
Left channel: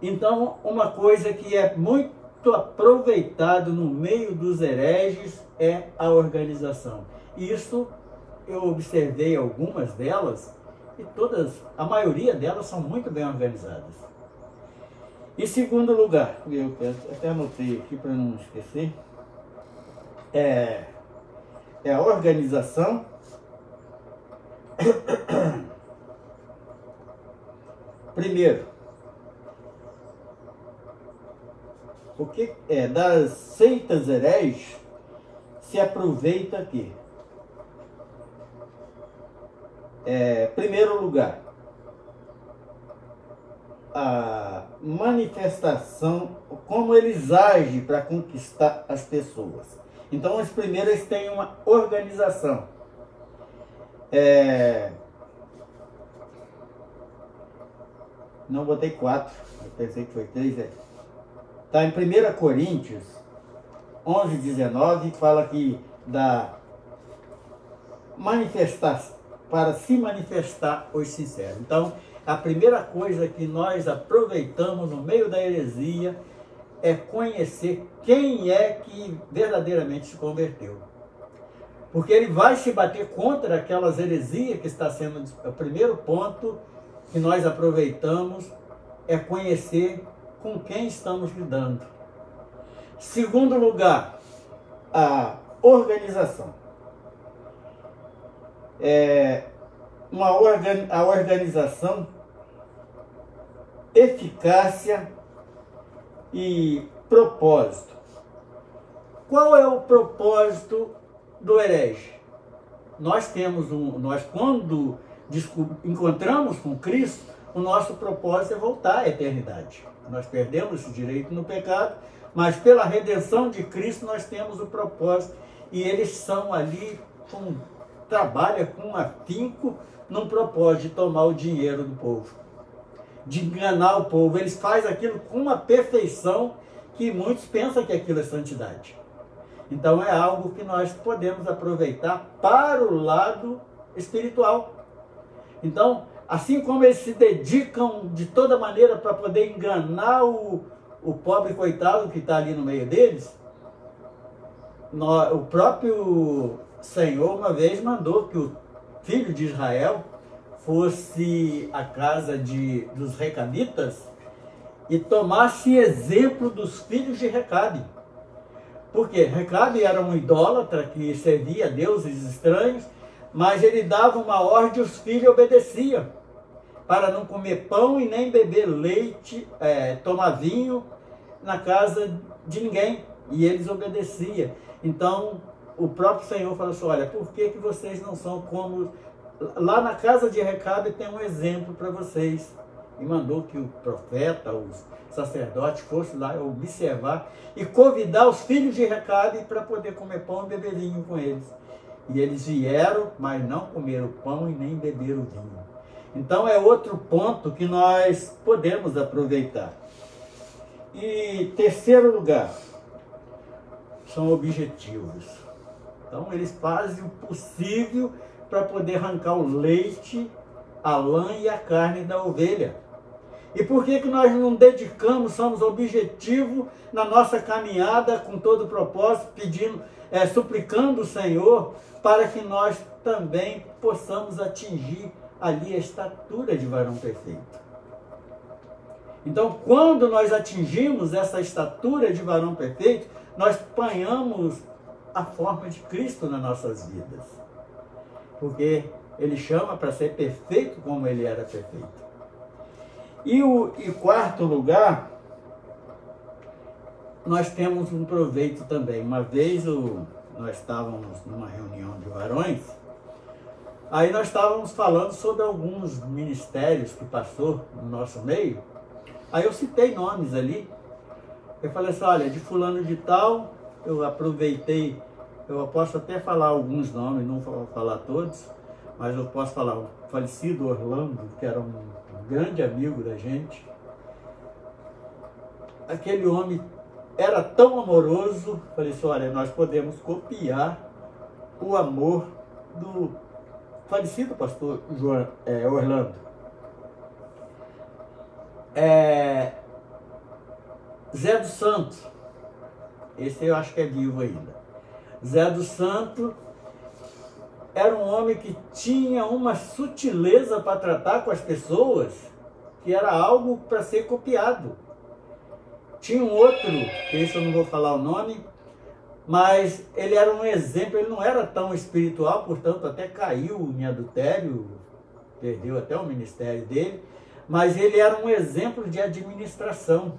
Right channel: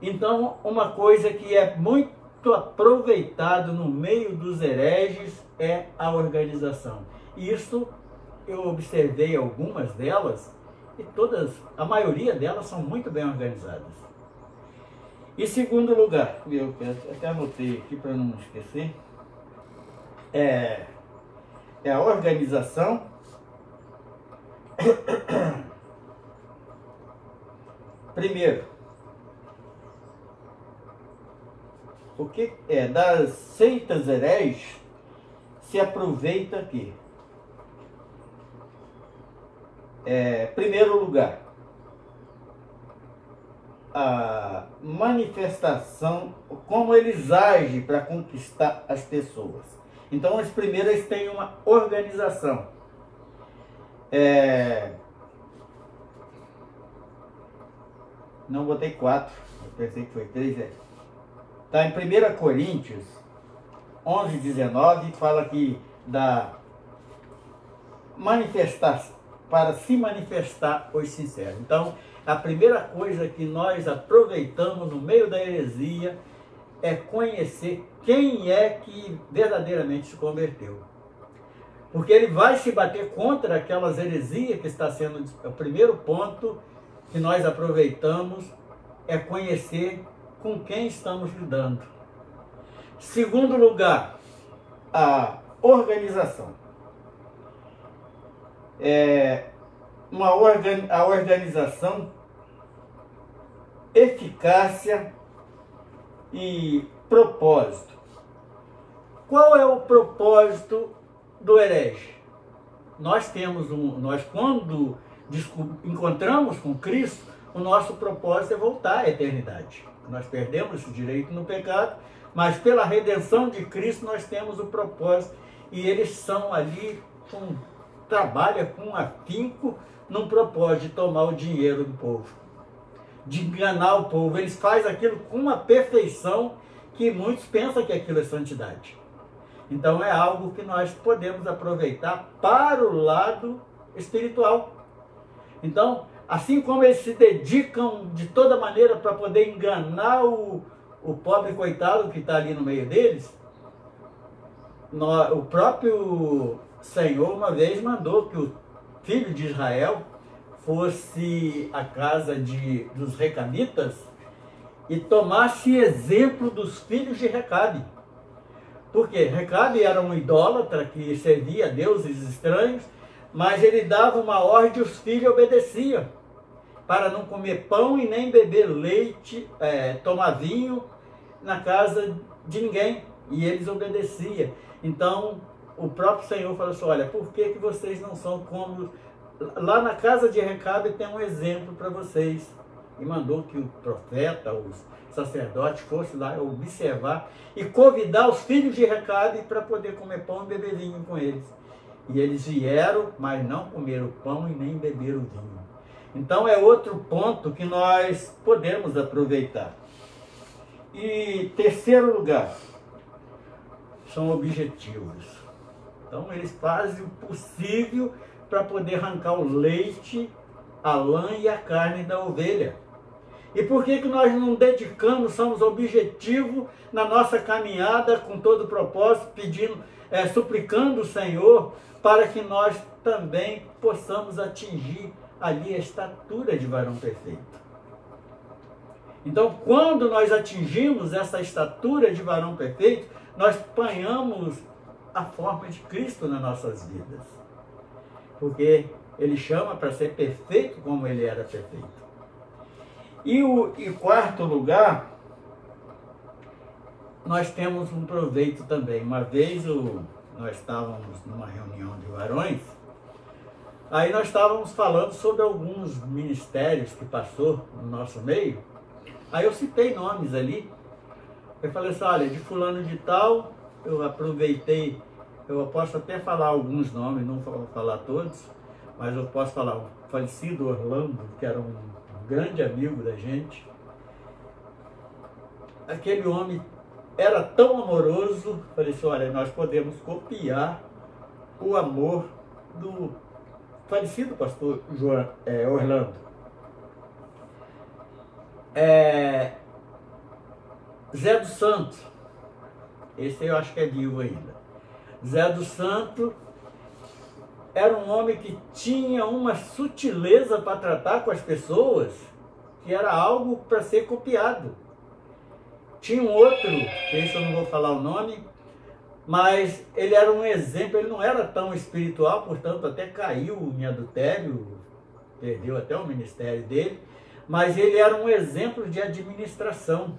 Então, uma coisa que é muito aproveitado no meio dos hereges é a organização. Isso eu observei algumas delas e a maioria delas são muito bem organizadas. E segundo lugar, eu até anotei aqui para não esquecer, é a organização primeiro, o que é das seitas heréis se aproveita aqui? Primeiro lugar, a manifestação, como eles agem para conquistar as pessoas. Então, os primeiros eles têm uma organização. Não botei 4, eu pensei que foi 3. Está em 1 Coríntios 11, 19, fala que da manifestar, para se manifestar os sinceros. Então, a primeira coisa que nós aproveitamos no meio da heresia é conhecer quem é que verdadeiramente se converteu. Porque ele vai se bater contra aquelas heresias que está sendo... O primeiro ponto que nós aproveitamos é conhecer com quem estamos lidando. Segundo lugar, a organização. A organização, eficácia e propósito. Qual é o propósito do herege? Nós quando encontramos com Cristo, o nosso propósito é voltar à eternidade. Nós perdemos esse direito no pecado, mas pela redenção de Cristo nós temos o propósito, e eles são ali, trabalham com afinco num propósito de tomar o dinheiro do povo, de enganar o povo. Eles fazem aquilo com uma perfeição que muitos pensam que aquilo é santidade. Então é algo que nós podemos aproveitar para o lado espiritual. Então, assim como eles se dedicam de toda maneira para poder enganar o pobre coitado que está ali no meio deles, o próprio Senhor uma vez mandou que o filho de Israel fosse à casa dos recabitas e tomasse exemplo dos filhos de Recabe. Porque Recabe era um idólatra que servia a deuses estranhos, mas ele dava uma ordem e os filhos obedeciam, para não comer pão e nem beber leite, tomar vinho na casa de ninguém. E eles obedeciam. Então, o próprio Senhor falou assim, olha, por que vocês não são como... Lá na casa de Recabe tem um exemplo para vocês. E mandou que o profeta, os sacerdotes fossem lá observar e convidar os filhos de Recabe para poder comer pão e beber vinho com eles. E eles vieram, mas não comeram pão e nem beberam vinho. Então é outro ponto que nós podemos aproveitar. E terceiro lugar, são objetivos. Então eles fazem o possível para poder arrancar o leite, a lã e a carne da ovelha. E por que nós não dedicamos, somos objetivos na nossa caminhada com todo o propósito, pedindo, suplicando o Senhor para que nós também possamos atingir ali a estatura de varão perfeito. Então, quando nós atingimos essa estatura de varão perfeito, nós ganhamos a forma de Cristo nas nossas vidas. Porque ele chama para ser perfeito como ele era perfeito. E quarto lugar, nós temos um proveito também. Uma vez nós estávamos numa reunião de varões, aí nós estávamos falando sobre alguns ministérios que passou no nosso meio. Aí eu citei nomes ali. Eu falei assim, olha, de fulano de tal, eu aproveitei, eu posso até falar alguns nomes, não vou falar todos, mas eu posso falar o falecido Orlando, que era um grande amigo da gente. Aquele homem era tão amoroso, falei assim, olha, nós podemos copiar o amor do falecido pastor Orlando. Zé dos Santos, esse eu acho que é vivo ainda. Zé dos Santos era um homem que tinha uma sutileza para tratar com as pessoas, que era algo para ser copiado. Tinha um outro, que esse eu não vou falar o nome, mas ele era um exemplo, ele não era tão espiritual, portanto até caiu em adultério, perdeu até o ministério dele, mas ele era um exemplo de administração.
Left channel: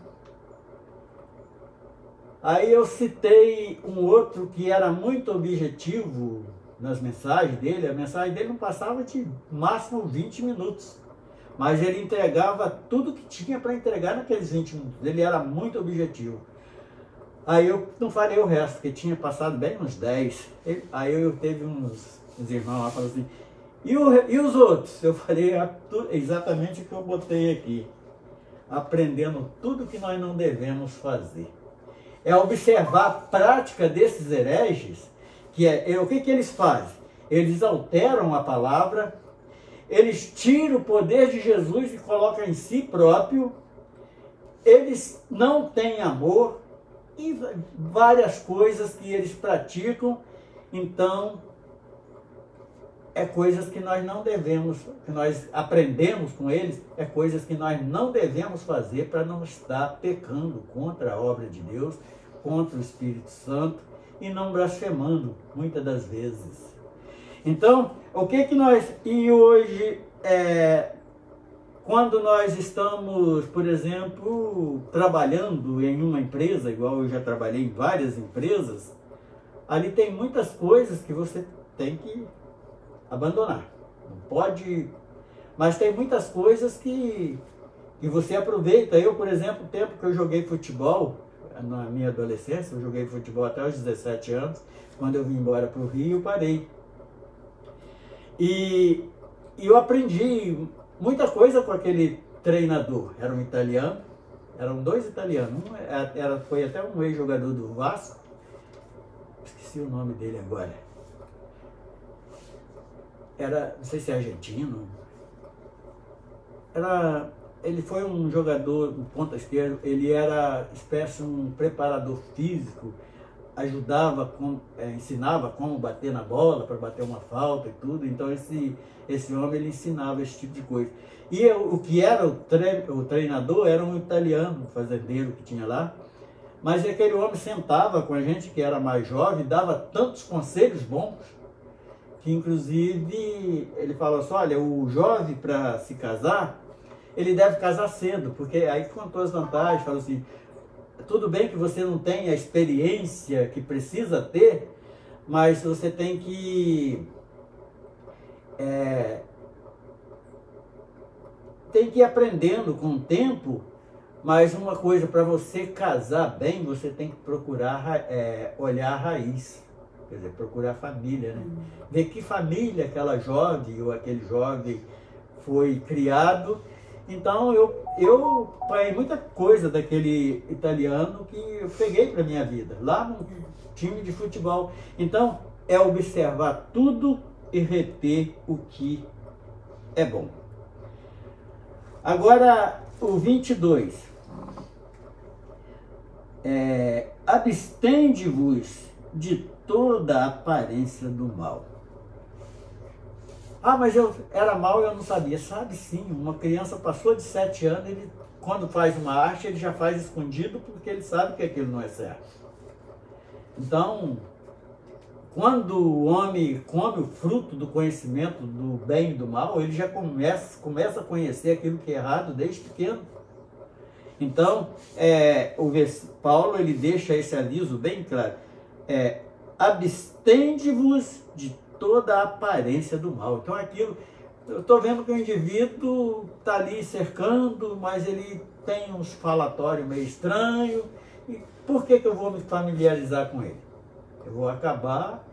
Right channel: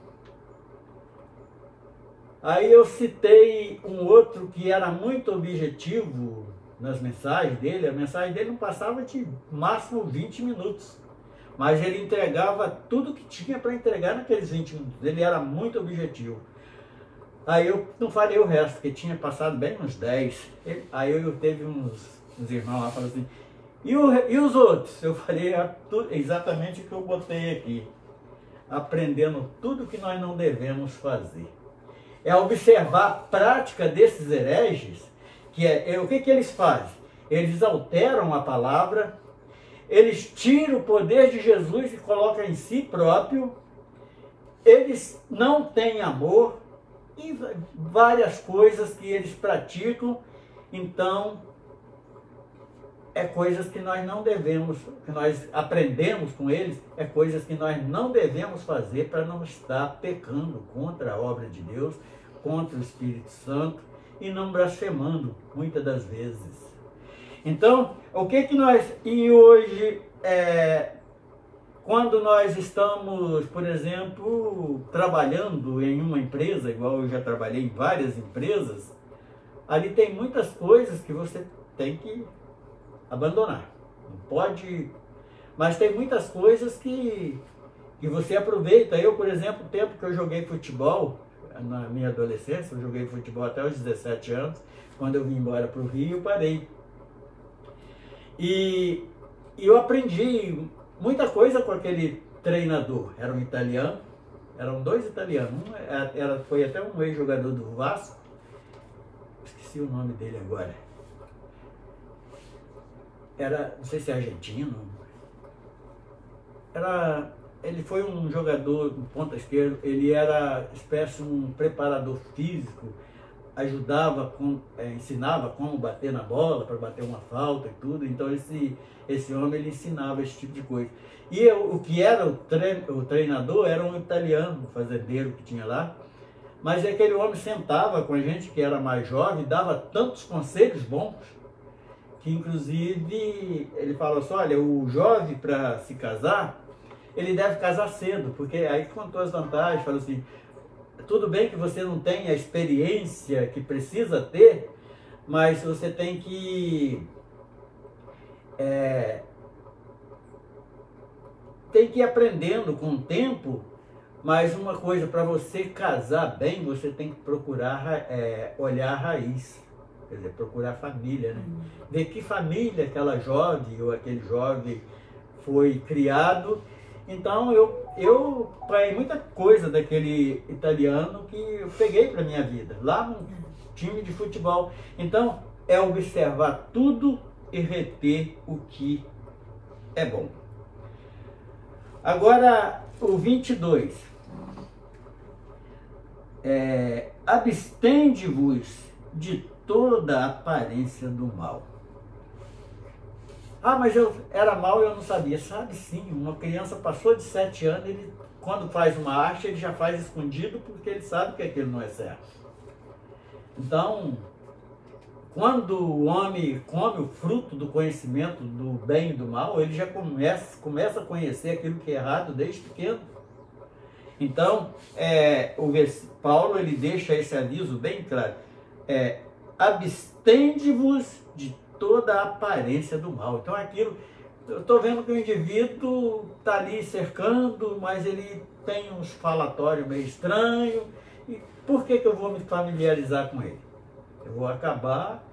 Aí eu citei um outro que era muito objetivo nas mensagens dele. A mensagem dele não passava de máximo 20 minutos, mas ele entregava tudo que tinha para entregar naqueles 20 minutos. Ele era muito objetivo. Aí eu não falei o resto, porque tinha passado bem uns 10. Aí eu teve uns irmãos lá falando assim, e os outros? Eu falei exatamente o que eu botei aqui. Aprendendo tudo que nós não devemos fazer. É observar a prática desses hereges, que o que eles fazem? Eles alteram a palavra, eles tiram o poder de Jesus e colocam em si próprio, eles não têm amor, e várias coisas que eles praticam. Então, é coisas que nós não devemos, que nós aprendemos com eles, é coisas que nós não devemos fazer para não estar pecando contra a obra de Deus, contra o Espírito Santo e não blasfemando, muitas das vezes. Então, o que nós... E hoje, quando nós estamos, por exemplo, trabalhando em uma empresa, igual eu já trabalhei em várias empresas, ali tem muitas coisas que você tem que abandonar. Não pode... Mas tem muitas coisas que você aproveita. Eu, por exemplo, o tempo que eu joguei futebol, na minha adolescência, eu joguei futebol até os 17 anos, quando eu vim embora para o Rio, eu parei. E eu aprendi muita coisa com aquele treinador. Era um italiano, eram dois italianos. Um foi até um ex-jogador do Vasco, esqueci o nome dele agora. Não sei se é argentino. Ele foi um jogador de ponta esquerda, ele era espécie de um preparador físico, ajudava, ensinava como bater na bola, para bater uma falta e tudo. Então esse homem, ele ensinava esse tipo de coisa. E o que era o treinador era um italiano, um fazendeiro que tinha lá, mas aquele homem sentava com a gente que era mais jovem, dava tantos conselhos bons, que inclusive ele falou assim, olha, o jovem para se casar, ele deve casar cedo, porque aí contou as vantagens, falou assim, tudo bem que você não tem a experiência que precisa ter, mas você tem que ir aprendendo com o tempo. Mas uma coisa, para você casar bem, você tem que procurar olhar a raiz, quer dizer, procurar a família, né? Ver que família aquela jovem ou aquele jovem foi criado. Então eu peguei muita coisa daquele italiano que eu peguei para minha vida, lá no time de futebol. Então é observar tudo e reter o que é bom. Agora o 22. Abstende-vos de toda aparência do mal. Ah, mas eu era mal e eu não sabia. Sabe sim, uma criança passou de 7 anos, ele, quando faz uma arte, ele já faz escondido porque ele sabe que aquilo não é certo. Então, quando o homem come o fruto do conhecimento do bem e do mal, ele já começa a conhecer aquilo que é errado desde pequeno. Então, Paulo ele deixa esse aviso bem claro. Abstende-vos de toda a aparência do mal. Então eu estou vendo que o indivíduo está ali cercando, mas ele tem uns falatórios meio estranhos. E por que eu vou me familiarizar com ele? Eu vou acabar,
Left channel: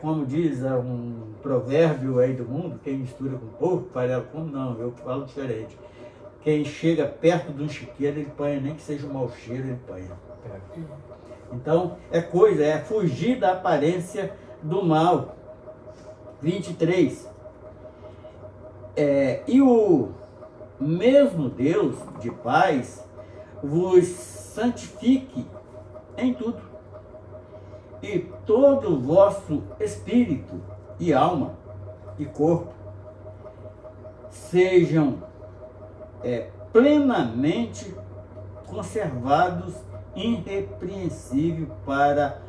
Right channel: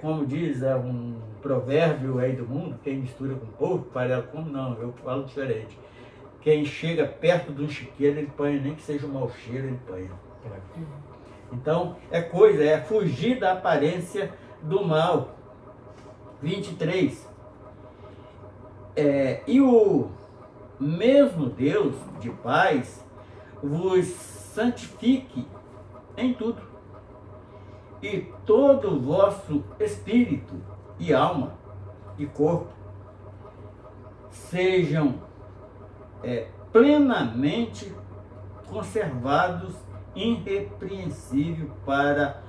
como diz um provérbio aí do mundo, quem mistura com porco, farelo com... Não, eu falo diferente. Quem chega perto de um chiqueiro, ele põe, nem que seja um mau cheiro, ele põe. Então, é fugir da aparência do mal. 23. E o mesmo Deus de paz vos santifique em tudo, e todo o vosso espírito e alma e corpo sejam plenamente conservados, irrepreensível para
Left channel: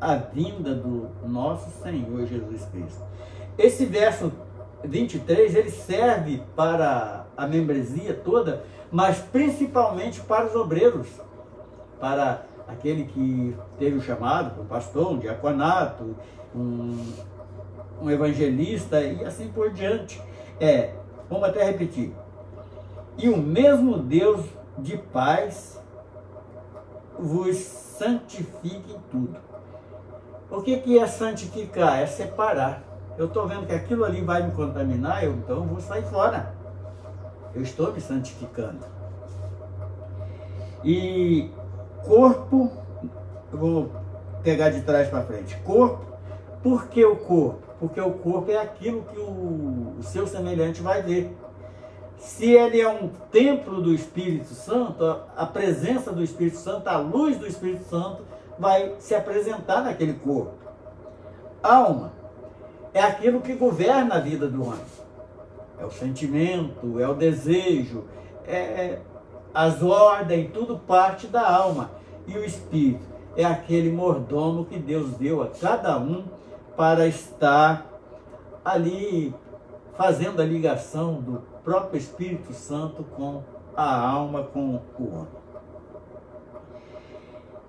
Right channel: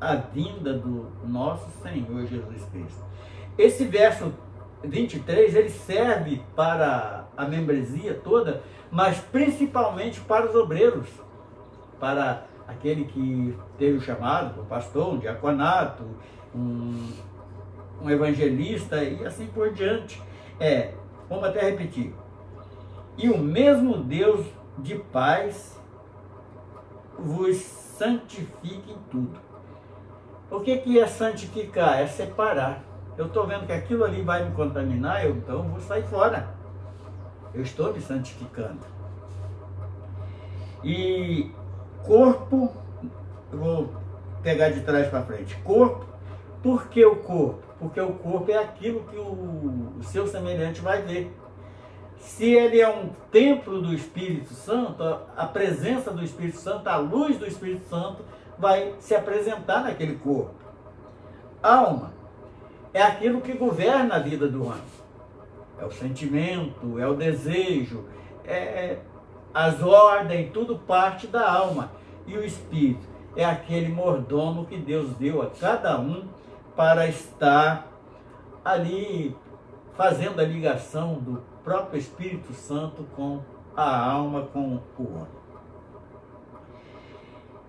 a vinda do nosso Senhor Jesus Cristo. Esse verso 23, ele serve para a membresia toda, mas principalmente para os obreiros, para aquele que teve o chamado, um pastor, um diaconato, um evangelista e assim por diante. Vamos até repetir. E o mesmo Deus de paz vos santifique em tudo. O que é santificar? É separar. Eu estou vendo que aquilo ali vai me contaminar, então eu vou sair fora. Eu estou me santificando. E corpo, eu vou pegar de trás para frente. Corpo, por que o corpo? Porque o corpo é aquilo que o seu semelhante vai ver. Se ele é um templo do Espírito Santo, a presença do Espírito Santo, a luz do Espírito Santo vai se apresentar naquele corpo. Alma é aquilo que governa a vida do homem. É o sentimento, é o desejo, as ordens, tudo parte da alma. E o Espírito é aquele mordomo que Deus deu a cada um para estar ali fazendo a ligação do próprio Espírito Santo com a alma, com o homem.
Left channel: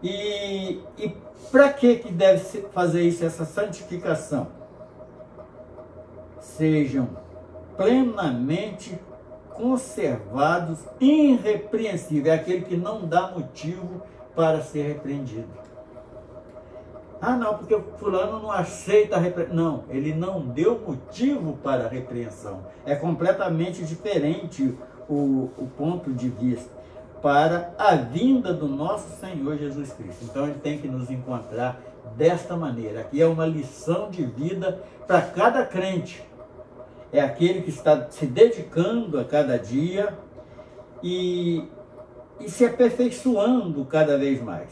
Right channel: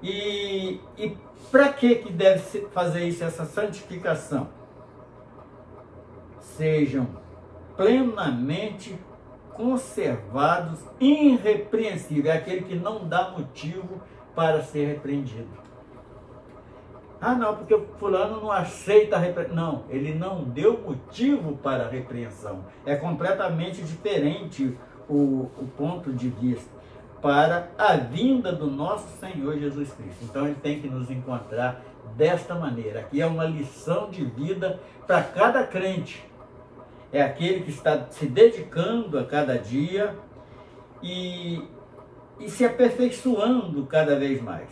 E para que deve fazer isso, essa santificação? Sejam plenamente conservados, irrepreensíveis, é aquele que não dá motivo para ser repreendido. Ah, não, porque o fulano não aceita a repreensão. Não, ele não deu motivo para a repreensão. É completamente diferente o ponto de vista para a vinda do nosso Senhor Jesus Cristo. Então ele tem que nos encontrar desta maneira. Aqui é uma lição de vida para cada crente. É aquele que está se dedicando a cada dia e se aperfeiçoando cada vez mais.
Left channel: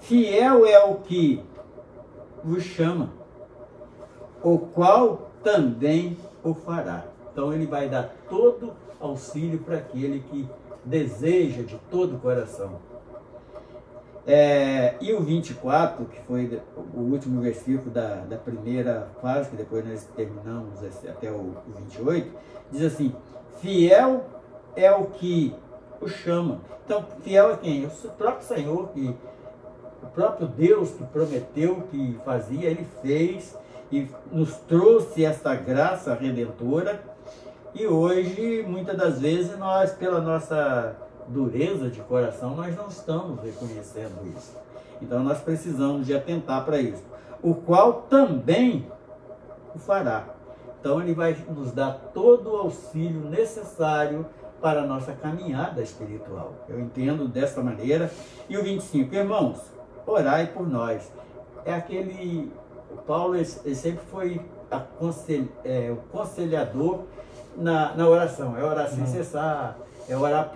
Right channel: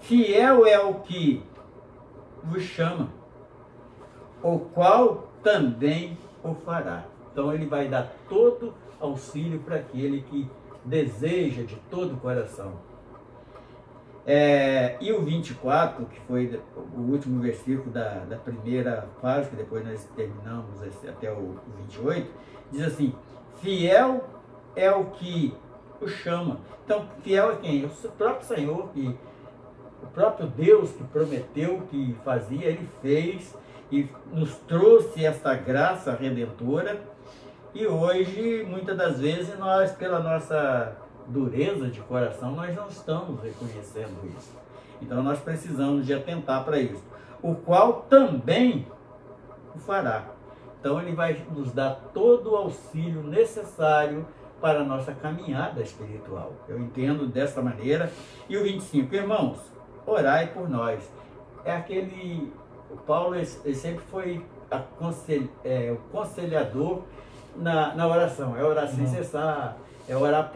Fiel é o que vos chama, o qual também o fará. Então ele vai dar todo auxílio para aquele que deseja de todo o coração. E o 24, que foi o último versículo da primeira fase, que depois nós terminamos até o 28, diz assim: fiel é o que o chama. Então, fiel é quem? O próprio Senhor, o próprio Deus que prometeu que fazia, ele fez e nos trouxe essa graça redentora. E hoje, muitas das vezes, nós, pela nossa dureza de coração, nós não estamos reconhecendo isso. Então nós precisamos de atentar para isso. O qual também o fará. Então ele vai nos dar todo o auxílio necessário para a nossa caminhada espiritual. Eu entendo dessa maneira. E o 25, irmãos, orai por nós. É aquele... O Paulo ele sempre foi o conselhador na oração. É orar sem cessar, é orar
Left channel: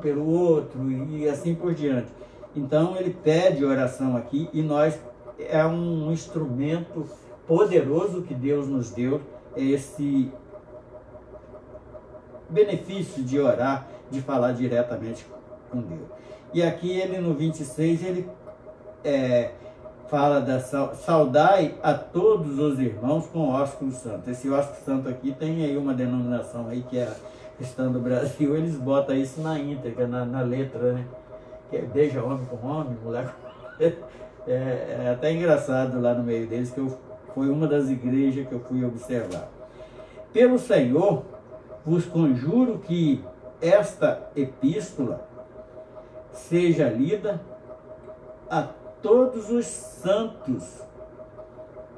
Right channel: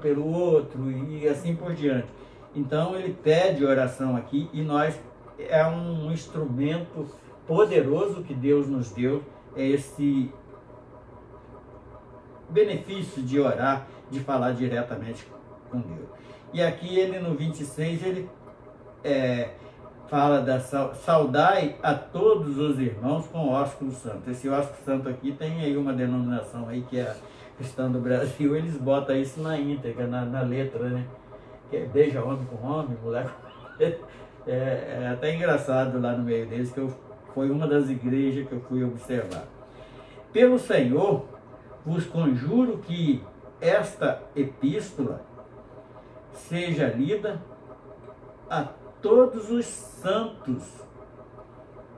pelo outro e assim por diante. Então ele pede oração aqui e nós, é um instrumento poderoso que Deus nos deu, esse benefício de orar, de falar diretamente com Deus. E aqui ele no 26, ele fala da saudai a todos os irmãos com ósculo santo. Esse ósculo santo aqui tem aí uma denominação aí que é Cristã do Brasil, eles botam isso na íntegra, na letra, né? Que é beija homem com homem, mulher com... É até engraçado lá no meio deles, que foi uma das igrejas que eu fui observar. Pelo Senhor, vos conjuro que esta epístola seja lida a todos os santos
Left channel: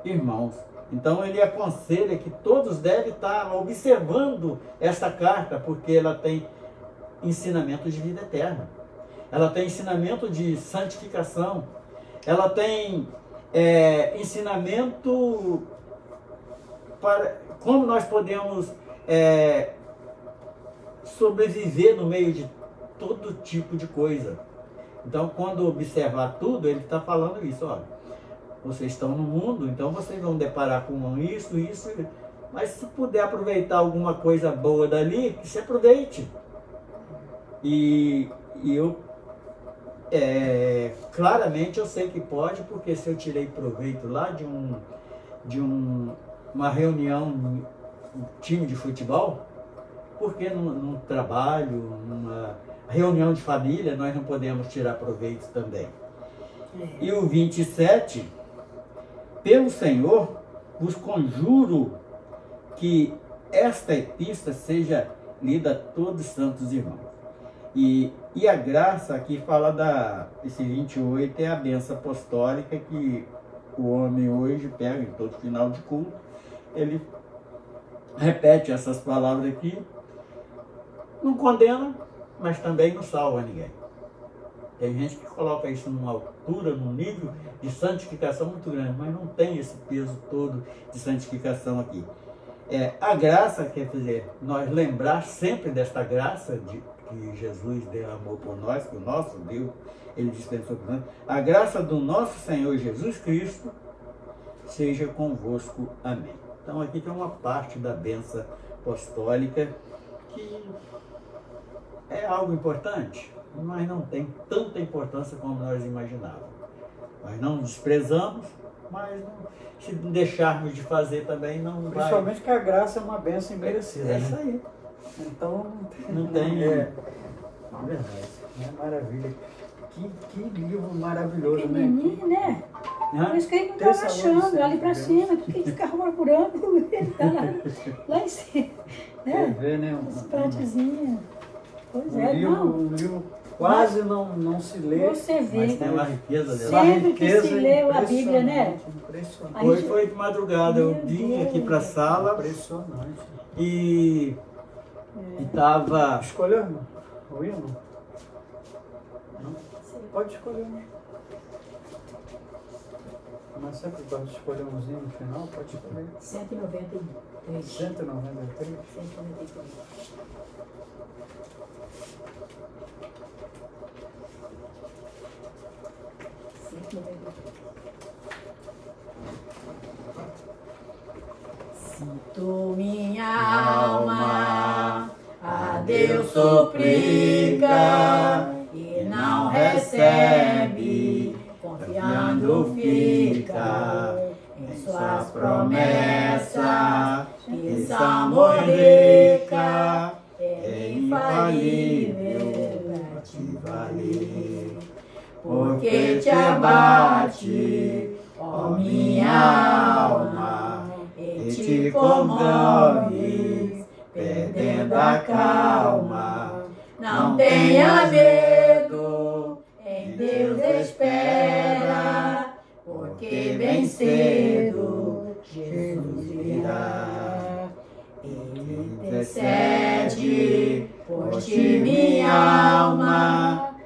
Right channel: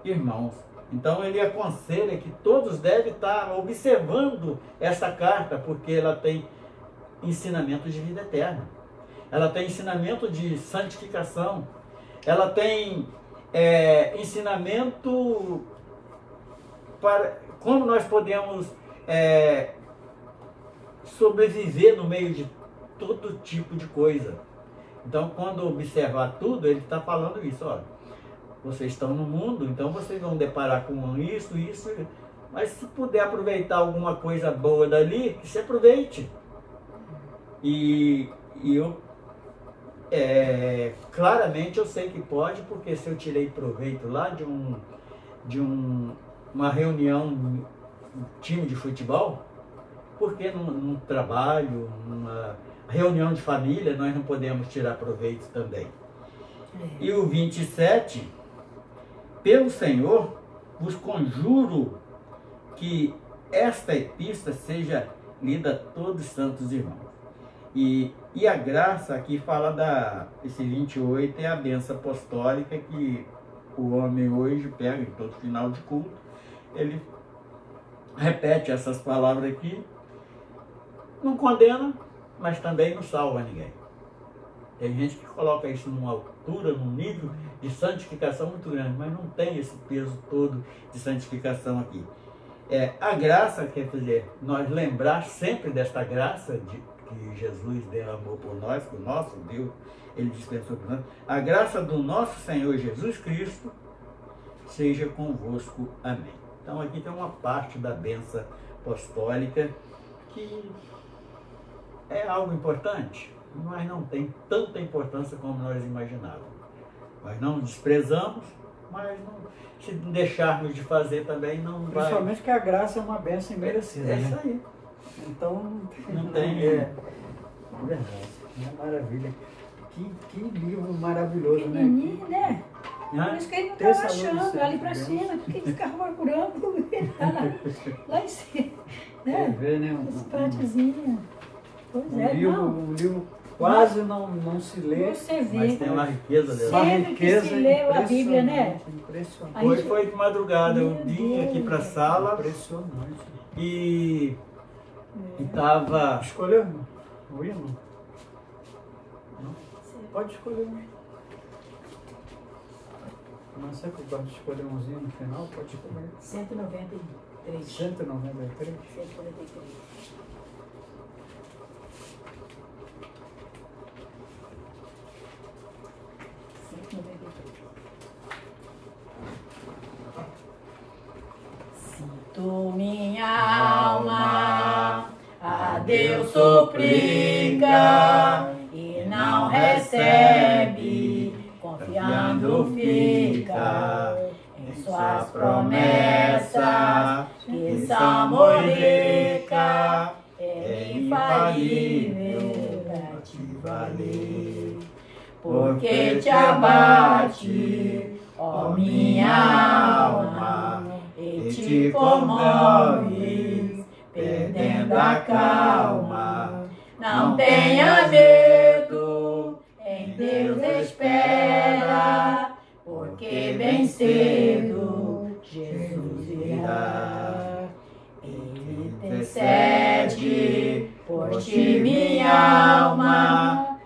irmãos. Então ele aconselha que todos devem estar observando essa carta, porque ela tem ensinamento de vida eterna. Ela tem ensinamento de santificação. Ela tem ensinamento para como nós podemos sobreviver no meio de todo tipo de coisa. Então, quando observar tudo, ele está falando isso, olha, vocês estão no mundo, então vocês vão deparar com isso, mas se puder aproveitar alguma coisa boa dali, que se aproveite. E eu, claramente eu sei que pode, porque se eu tirei proveito lá de uma reunião time de futebol, porque num trabalho, numa reunião de família, nós não podemos tirar proveito também. E o 27, pelo Senhor, vos conjuro que esta epístola seja lida a todos os santos irmãos. E a graça aqui fala esse 28 é a bênção apostólica que o homem hoje pega em todo final de culto, ele repete essas palavras aqui, não condena, mas também não salva ninguém. Tem gente que coloca isso numa altura, num nível de santificação muito grande, mas não tem esse peso todo de santificação aqui. A graça, quer dizer, nós lembrar sempre desta graça que Jesus derramou por nós, que o nosso Deus, Ele dispensou por nós. A graça do nosso Senhor Jesus Cristo seja convosco. Amém. Então aqui tem uma parte da bênção apostólica que é algo importante, mas não tem tanta importância como nós imaginávamos. Nós não desprezamos, mas se deixarmos de fazer também não vai... Principalmente que a graça é uma bênção imerecida, isso né? aí. Então Não tem... É verdade, é maravilha. Que livro maravilhoso, né? Pequenininho, né? Por isso que ele não estava achando, ali para cima, porque ele ficava procurando, ele tá lá em cima. Quer ver, né? As partezinhas. Pois é, não. Um livro quase não se lê, Você vê. Mas tem uma riqueza dela. uma Sempre que riqueza se lê a Bíblia, né? Impressionante. Aí- Hoje foi de madrugada, eu vim aqui para a sala Impressionante. e estava... Escolheu, irmão? O hino? Não? Pode escolher um. Mas sempre gosto de escolher umzinho no final, pode escolher. 193. 193. 193. Sinto minha alma a Deus suplica e não recebe, confiando fica em sua promessa, que samorica é infalível pra te valer. Porque te abate, ó minha alma, e te comove, perdendo a calma. Não tenha medo, em Deus espera, porque bem cedo Jesus virá. Ele intercede por ti, minha alma,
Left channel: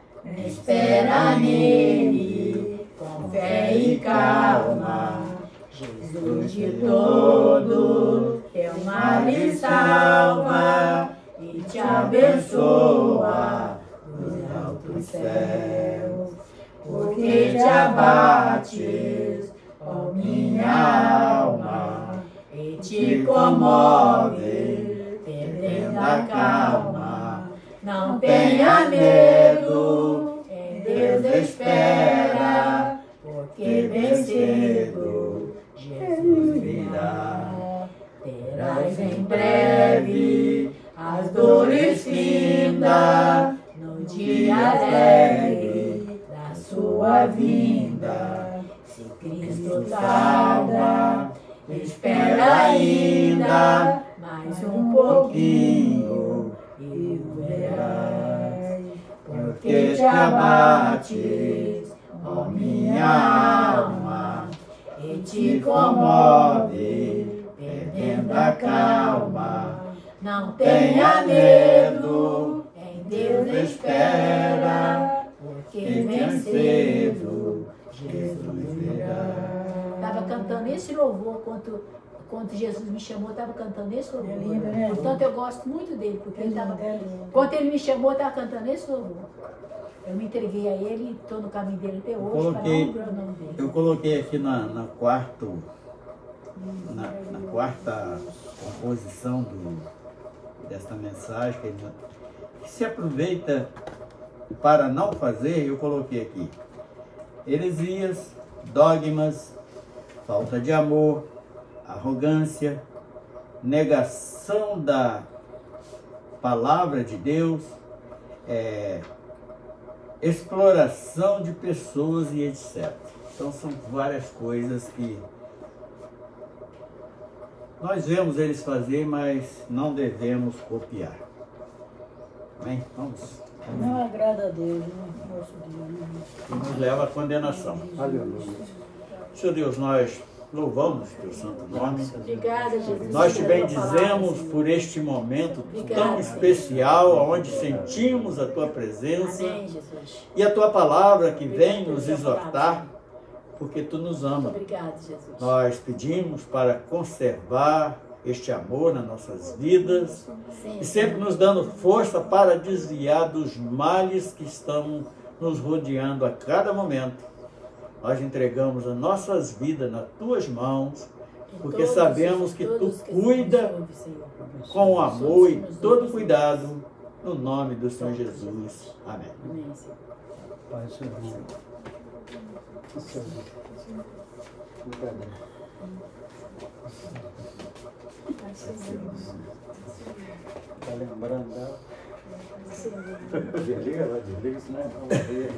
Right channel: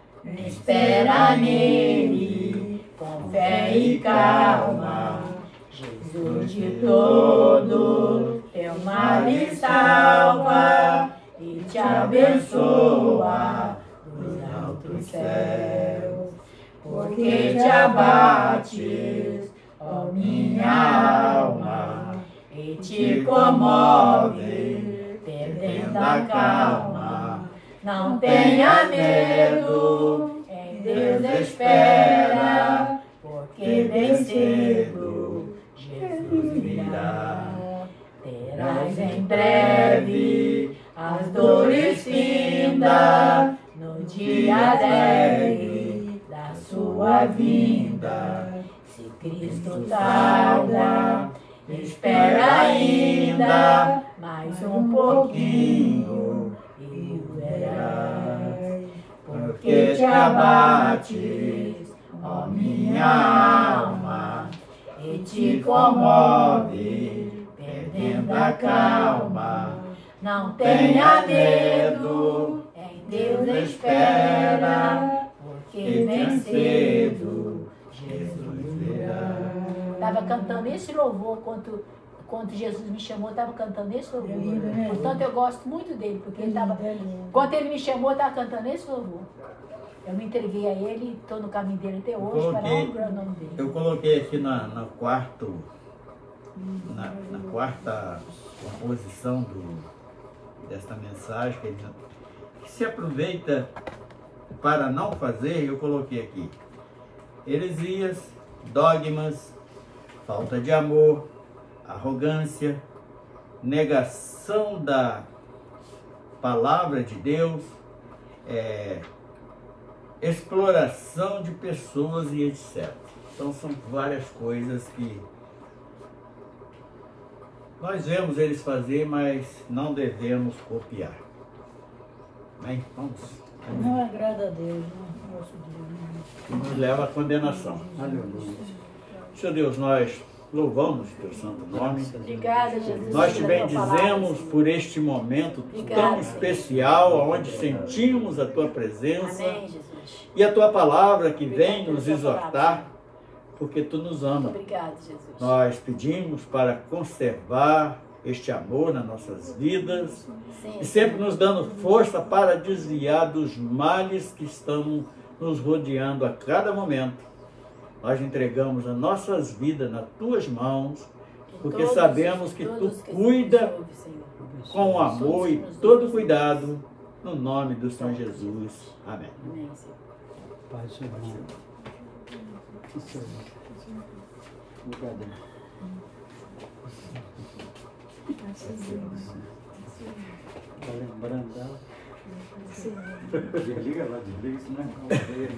espera nele, com fé e calma. Jesus de todo teu mal lhe salva e te abençoa nos altos céus. Porque te abates, ó minha alma, e te comove, perdendo a calma. Não tenha medo, em Deus espera, porque bem cedo Jesus virá. Terás em breve as dores findas, no dia alegre da sua vinda. Se Cristo tarda, espera ainda mais um pouquinho e o verás. Porque te abates, ó minha alma, e te comove, perdendo a calma. Não tenha medo, em Deus espera, porque bem cedo Jesus virá. Estava cantando esse louvor quando Jesus me chamou, estava cantando esse louvor. É lindo, né? Portanto, eu gosto muito dele, porque ele estava. Quando ele me chamou, eu estava cantando esse louvor. Eu me entreguei a ele e estou no caminho dele até hoje, para honrar o nome dele. Eu coloquei aqui na quarta composição desta mensagem, que se aproveita para não fazer, eu coloquei aqui heresias, dogmas, falta de amor, arrogância, negação da palavra de Deus, exploração de pessoas e etc. Então são várias coisas que nós vemos eles fazer, mas não devemos copiar. Amém? Vamos. Não agrada a Deus, não nosso Deus. E nos leva à condenação. Aleluia. Senhor Deus, nós louvamos teu santo nome. Obrigada, Jesus. Nós te pela tua palavra, bendizemos Senhor. por este momento Obrigada, tão Senhor. especial, onde sentimos a tua presença Amém, Jesus. e a tua palavra que vem Obrigado nos pela tua exortar, palavra. porque tu nos ama. Obrigado, Jesus. Nós pedimos para conservar este amor nas nossas vidas Sim, e sempre nos dando força para desviar dos males que estão nos rodeando a cada momento. Nós entregamos as nossas vidas nas tuas mãos, porque sabemos que tu cuida com amor e todo cuidado, no nome do Senhor Jesus. Amém. Amém, Senhor. Pai, Senhor. Obrigado. Tá lembrando dela? Desliga lá, desliga, senão não vai ver.